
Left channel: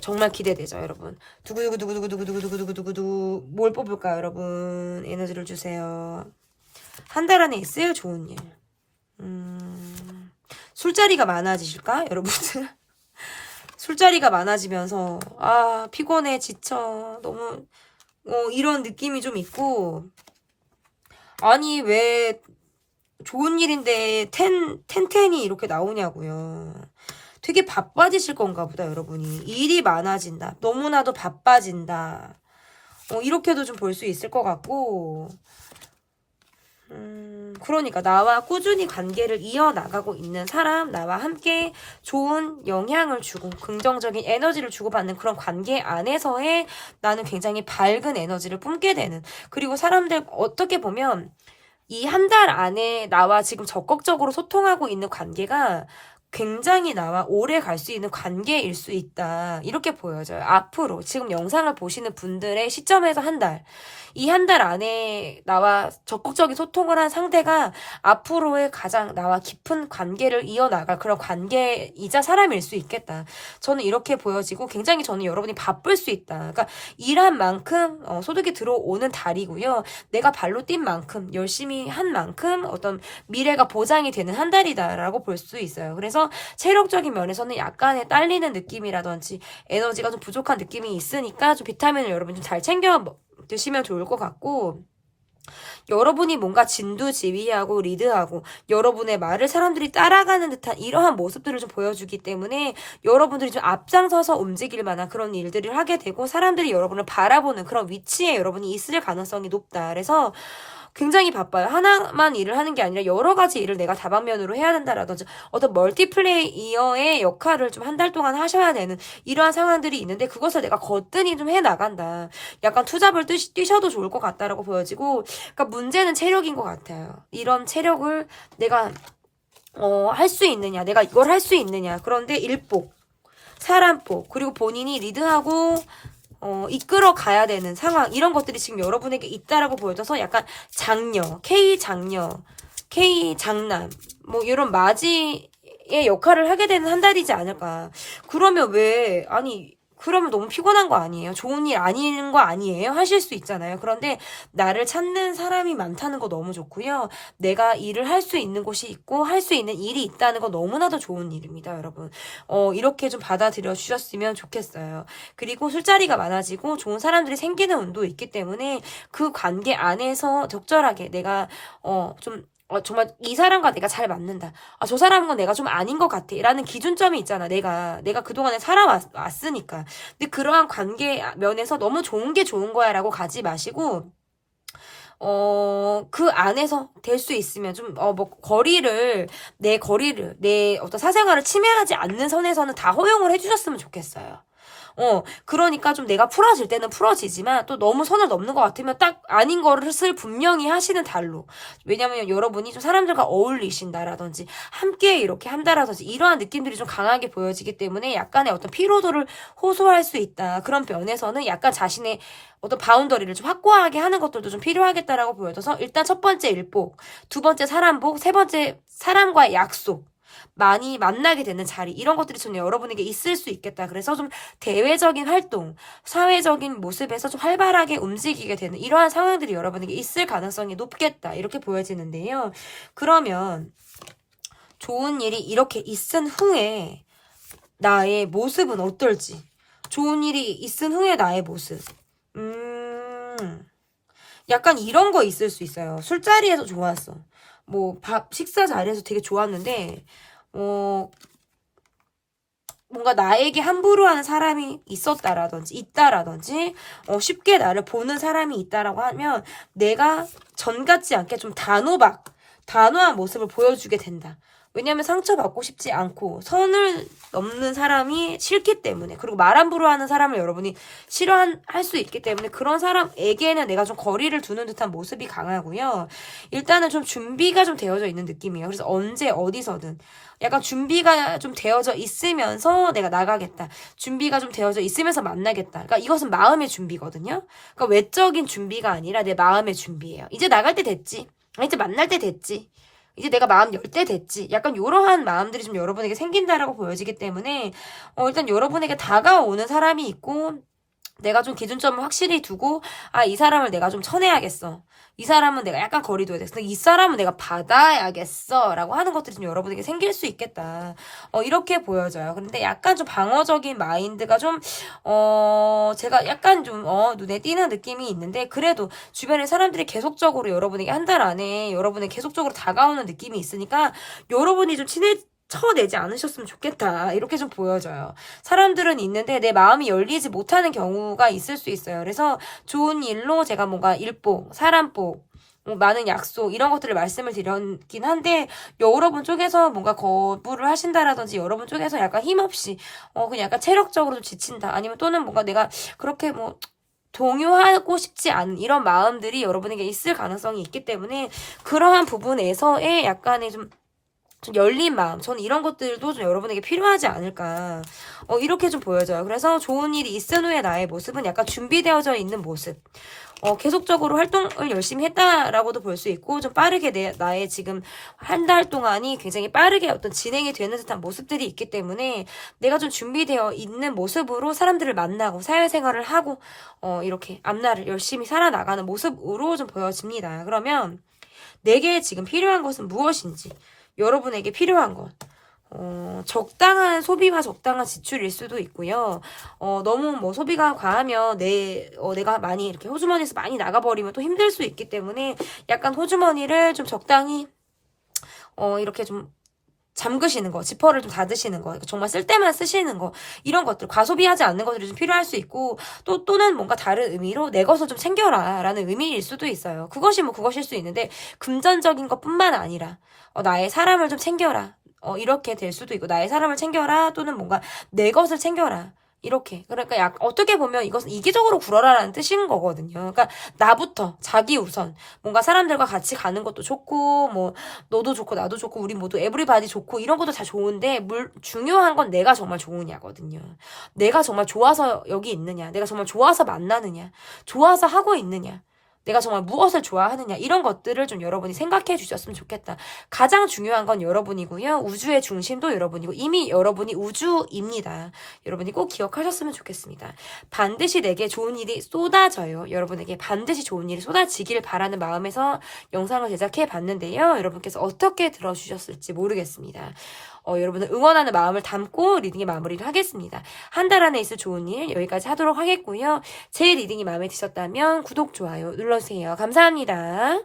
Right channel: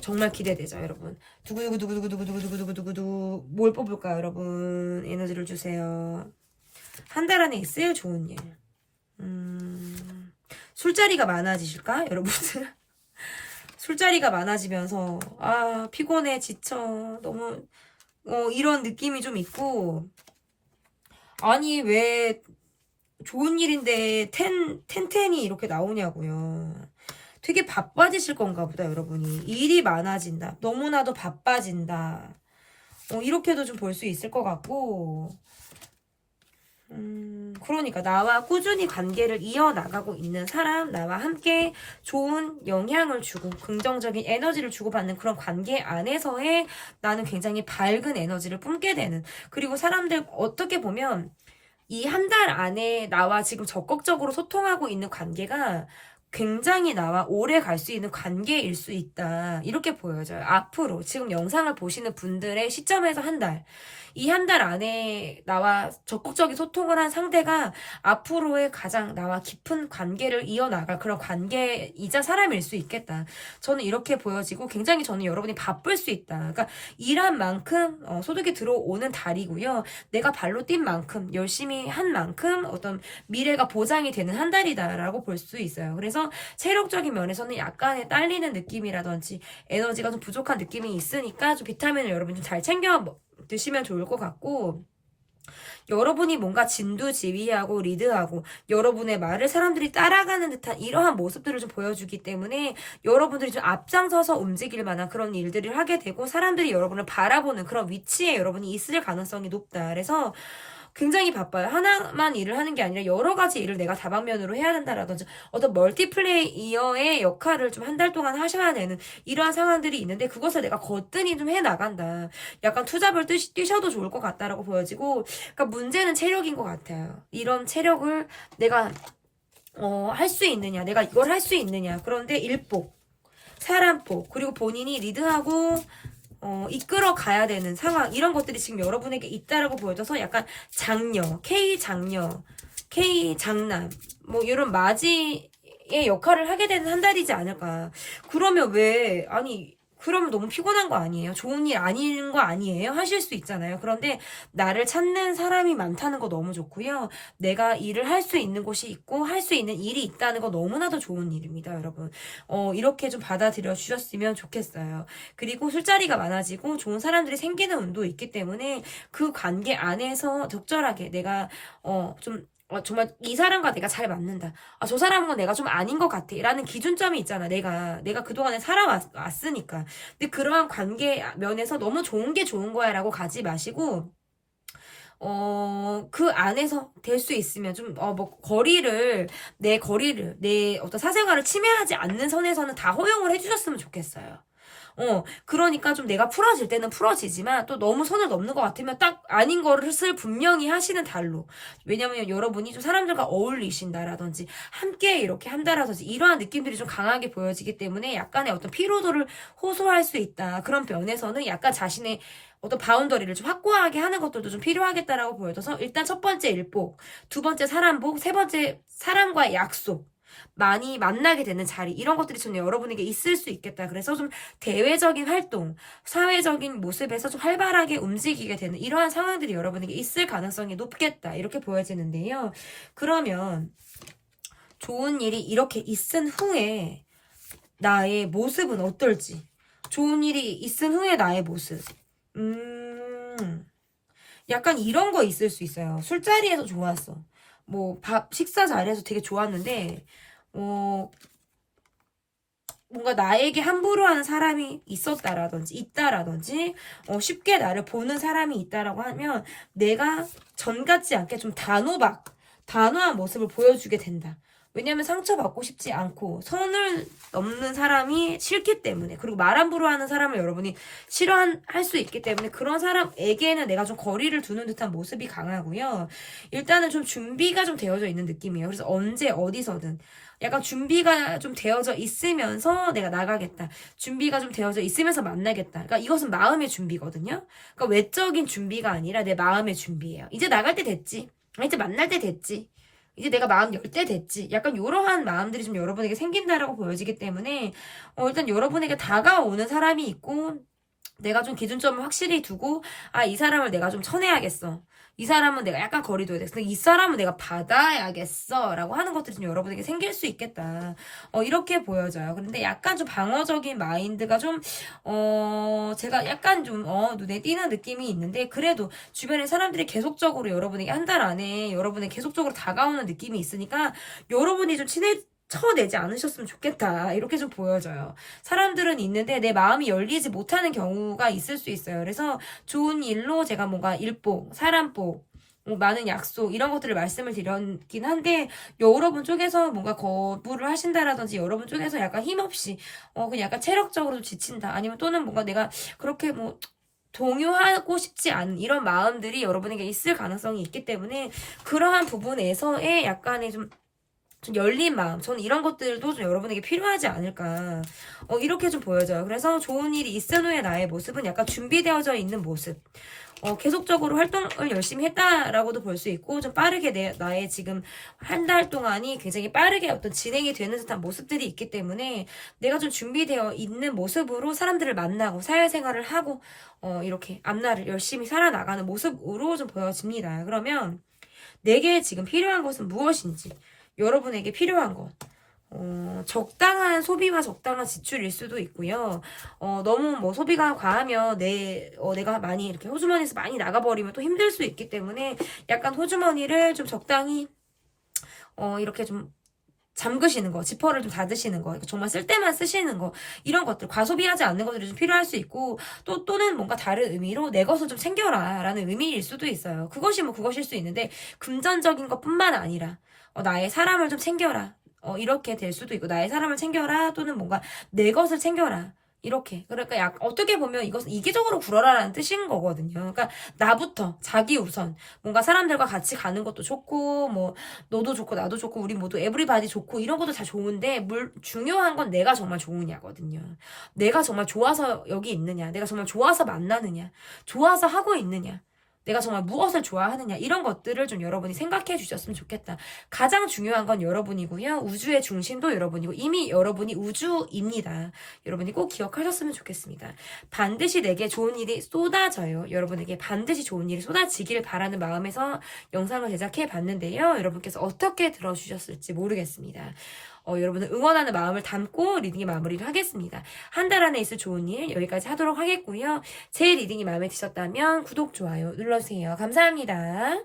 정말 기대되죠, 여러분. 두구두구두구두구두구두구두구두구두구 뭘 뽑을까요, 여러분? 에너지를 주세요. 한 달 안에 있을 좋은 일. 술자리가 많아지실까, 여러분들? 술자리가 많아지면서 피곤해, 지쳐. 너무 이런 느낌이 좀 있고 아니 왜 좋은 일인데 텐텐이 이렇게 나오냐고요. 되게 바빠지실 건가 보다 여러분이. 일이 많아진다. 너무나도 바빠진다. 이렇게도 좀 볼 수 있을 것 같고 그러니까 나와 꾸준히 관계를 이어나가고 있는 사람, 나와 함께 좋은 영향을 주고 긍정적인 에너지를 주고받는 그런 관계 안에서의 나는 굉장히 밝은 에너지를 뿜게 되는 그리고 사람들 어떻게 보면 이 한 달 안에 나와 지금 적극적으로 소통하고 있는 관계가 굉장히 나와 오래 갈 수 있는 관계일 수 있다. 이렇게 보여져요. 앞으로 지금 영상을 보시는 분들의 시점에서 한 달. 이 한 달 안에 나와 적극적인 소통을 한 상대가 앞으로의 가장 나와 깊은 관계를 이어나갈 그런 관계이자 사람일 수 있겠다. 저는 이렇게 보여지고 굉장히 저는 여러분이 바쁠 수 있다. 그러니까 일한 만큼 소득이 들어오는 달이고요. 내가 발로 뛴 만큼 열심히 한 만큼 어떤 미래가 보장이 되는 한 달이다라고 볼 수 있어요. 그래서 체력적인 면에서는 약간의 딸리는 느낌이라든지 에너지가 좀 부족한 느낌이 있으니까 좀 비타민을 여러분 좀 잘 챙겨 드시면 좋을 것 같고, 여러분이 뭔가 진두지휘하고 리드하고 여러분의 말을 사람들이 따라가는 듯한 이러한 모습들을 좀 보여주기 때문에 여러분들이 좀 앞장서서 움직일 만한 그런 일들을 하게 되고 사람들이 여러분을 바라보는 그런 위치에 여러분이 있을 가능성이 높다. 그래서 굉장히 바빠요. 하나만 일을 하는 게 아니라 여러 가지 일을 내가 다방면으로 해야 된다라든지 어떤 멀티플레이어의 역할을 좀 한 달 동안 하셔야 되는 이러한 상황들이 있는데 그것을 내가 거뜬히 좀 해나간다. 약간 투잡을 뛰셔도 좋을 것 같다라고 보여지고, 그러니까 문제는 체력인 것 같아요. 이런 체력을 내가 할 수 있느냐, 내가 이걸 할 수 있느냐. 그런데 일복, 사람복, 그리고 본인이 리드하고 이끌어 가야 되는 상황, 이런 것들이 지금 여러분에게 있다라고 보여져서 약간 장녀, K 장남, 뭐 이런 맞이의 역할을 하게 되는 한 달이지 않을까. 그러면 그러면 너무 피곤한 거 아니에요? 좋은 일 아닌 거 아니에요? 하실 수 있잖아요. 그런데 나를 찾는 사람이 많다는 거 너무 좋고요. 내가 일을 할 수 있는 곳이 있고 할 수 있는 일이 있다는 거 너무나도 좋은 일입니다, 여러분. 이렇게 좀 받아들여 주셨으면 좋겠어요. 그리고 술자리가 많아지고 좋은 사람들이 생기는 운도 있기 때문에 그 관계 안에서 적절하게 내가 정말 이 사람과 내가 잘 맞는다. 저 사람은 내가 좀 아닌 것 같아. 라는 기준점이 있잖아. 내가 그동안에 살아왔으니까. 근데 그러한 관계 면에서 너무 좋은 게 좋은 거야 라고 가지 마시고, 그 안에서 될 수 있으면 좀, 내 어떤 사생활을 침해하지 않는 선에서는 다 허용을 해주셨으면 좋겠어요. 그러니까 좀 내가 풀어질 때는 풀어지지만 또 너무 선을 넘는 것 같으면 딱 아닌 것을 분명히 하시는 달로. 왜냐면 여러분이 좀 사람들과 어울리신다라든지 함께 이렇게 한다라든지 이러한 느낌들이 좀 강하게 보여지기 때문에 약간의 어떤 피로도를 호소할 수 있다. 그런 면에서는 약간 자신의 어떤 바운더리를 좀 확고하게 하는 것들도 좀 필요하겠다라고 보여져서 일단 첫 번째 일복, 두 번째 사람복, 세 번째 사람과의 약속. 많이 만나게 되는 자리, 이런 것들이 좀 여러분에게 있을 수 있겠다. 그래서 좀 대외적인 활동, 사회적인 모습에서 좀 활발하게 움직이게 되는 이러한 상황들이 여러분에게 있을 가능성이 높겠다. 이렇게 보여지는데요. 그러면 좋은 일이 이렇게 있은 후에 나의 모습은 어떨지. 좋은 일이 있은 후에 나의 모습. 약간 이런 거 있을 수 있어요. 술자리에서 좋았어. 식사 자리에서 되게 좋았는데, 뭔가 나에게 함부로 하는 사람이 있다라든지, 쉽게 나를 보는 사람이 있다라고 하면, 내가 전 같지 않게 좀 단호한 모습을 보여주게 된다. 왜냐면 상처받고 싶지 않고 선을 넘는 사람이 싫기 때문에, 그리고 말 함부로 하는 사람을 여러분이 싫어할 수 있기 때문에 그런 사람에게는 내가 좀 거리를 두는 듯한 모습이 강하고요. 일단은 좀 준비가 좀 되어져 있는 느낌이에요. 그래서 언제 어디서든 약간 준비가 좀 되어져 있으면서 내가 나가겠다. 준비가 좀 되어져 있으면서 만나겠다. 그러니까 이것은 마음의 준비거든요. 그러니까 외적인 준비가 아니라 내 마음의 준비예요. 이제 나갈 때 됐지. 이제 만날 때 됐지. 이제 내가 마음 열 때 됐지. 약간 이러한 마음들이 좀 여러분에게 생긴다라고 보여지기 때문에 일단 여러분에게 다가오는 사람이 있고 내가 좀 기준점을 확실히 두고 이 사람을 내가 좀 쳐내야겠어. 이 사람은 내가 약간 거리 둬야 되겠어. 이 사람은 내가 받아야겠어. 라고 하는 것들이 좀 여러분에게 생길 수 있겠다. 이렇게 보여져요. 그런데 약간 좀 방어적인 마인드가 좀, 제가 약간 좀, 눈에 띄는 느낌이 있는데, 그래도 주변에 사람들이 계속적으로 여러분에게 한 달 안에 여러분에 계속적으로 다가오는 느낌이 있으니까, 여러분이 좀 쳐내지 않으셨으면 좋겠다. 이렇게 좀 보여져요. 사람들은 있는데 내 마음이 열리지 못하는 경우가 있을 수 있어요. 그래서 좋은 일로 제가 뭔가 일복, 사람복, 많은 약속 이런 것들을 말씀을 드렸긴 한데 여러분 쪽에서 뭔가 거부를 하신다라든지 여러분 쪽에서 약간 힘없이 그냥 약간 체력적으로 좀 지친다. 아니면 또는 뭔가 내가 그렇게 동요하고 싶지 않은 이런 마음들이 여러분에게 있을 가능성이 있기 때문에 그러한 부분에서의 약간의 좀 좀 열린 마음, 저는 이런 것들도 좀 여러분에게 필요하지 않을까 이렇게 좀 보여져요. 그래서 좋은 일이 있은 후에 나의 모습은 약간 준비되어져 있는 모습, 계속적으로 활동을 열심히 했다라고도 볼 수 있고, 좀 빠르게 나의 지금 한 달 동안이 굉장히 빠르게 어떤 진행이 되는 듯한 모습들이 있기 때문에 내가 좀 준비되어 있는 모습으로 사람들을 만나고 사회생활을 하고 이렇게 앞날을 열심히 살아나가는 모습으로 좀 보여집니다. 그러면 내게 지금 필요한 것은 무엇인지, 여러분에게 필요한 것, 적당한 소비와 적당한 지출일 수도 있고요. 너무 뭐 소비가 과하면 내가 많이 이렇게 호주머니에서 많이 나가버리면 또 힘들 수 있기 때문에 약간 호주머니를 좀 적당히 이렇게 좀 잠그시는 거, 지퍼를 좀 닫으시는 거, 정말 쓸 때만 쓰시는 거, 이런 것들, 과소비하지 않는 것들이 좀 필요할 수 있고, 또는 뭔가 다른 의미로 내 것을 좀 챙겨라 라는 의미일 수도 있어요. 그것이 뭐 그것일 수 있는데, 금전적인 것뿐만 아니라 나의 사람을 좀 챙겨라, 이렇게 될 수도 있고, 나의 사람을 챙겨라, 또는 뭔가 내 것을 챙겨라, 이렇게. 그러니까 어떻게 보면 이것은 이기적으로 굴어라라는 뜻인 거거든요. 그러니까 나부터, 자기 우선, 뭔가 사람들과 같이 가는 것도 좋고, 뭐 너도 좋고 나도 좋고 우리 모두 에브리바디 좋고 이런 것도 다 좋은데, 중요한 건 내가 정말 좋으냐거든요. 내가 정말 좋아서 여기 있느냐, 내가 정말 좋아서 만나느냐, 좋아서 하고 있느냐, 내가 정말 무엇을 좋아하느냐, 이런 것들을 좀 여러분이 생각해 주셨으면 좋겠다. 가장 중요한 건 여러분이고요. 우주의 중심도 여러분이고 이미 여러분이 우주입니다. 여러분이 꼭 기억하셨으면 좋겠습니다. 반드시 내게 좋은 일이 쏟아져요. 여러분에게 반드시 좋은 일이 쏟아지기를 바라는 마음에서 영상을 제작해 봤는데요. 여러분께서 어떻게 들어주셨을지 모르겠습니다. 여러분을 응원하는 마음을 담고 리딩의 마무리를 하겠습니다. 한 달 안에 있을 좋은 일 여기까지 하도록 하겠고요. 제 리딩이 마음에 드셨다면 구독, 좋아요 눌러주세요. 감사합니다.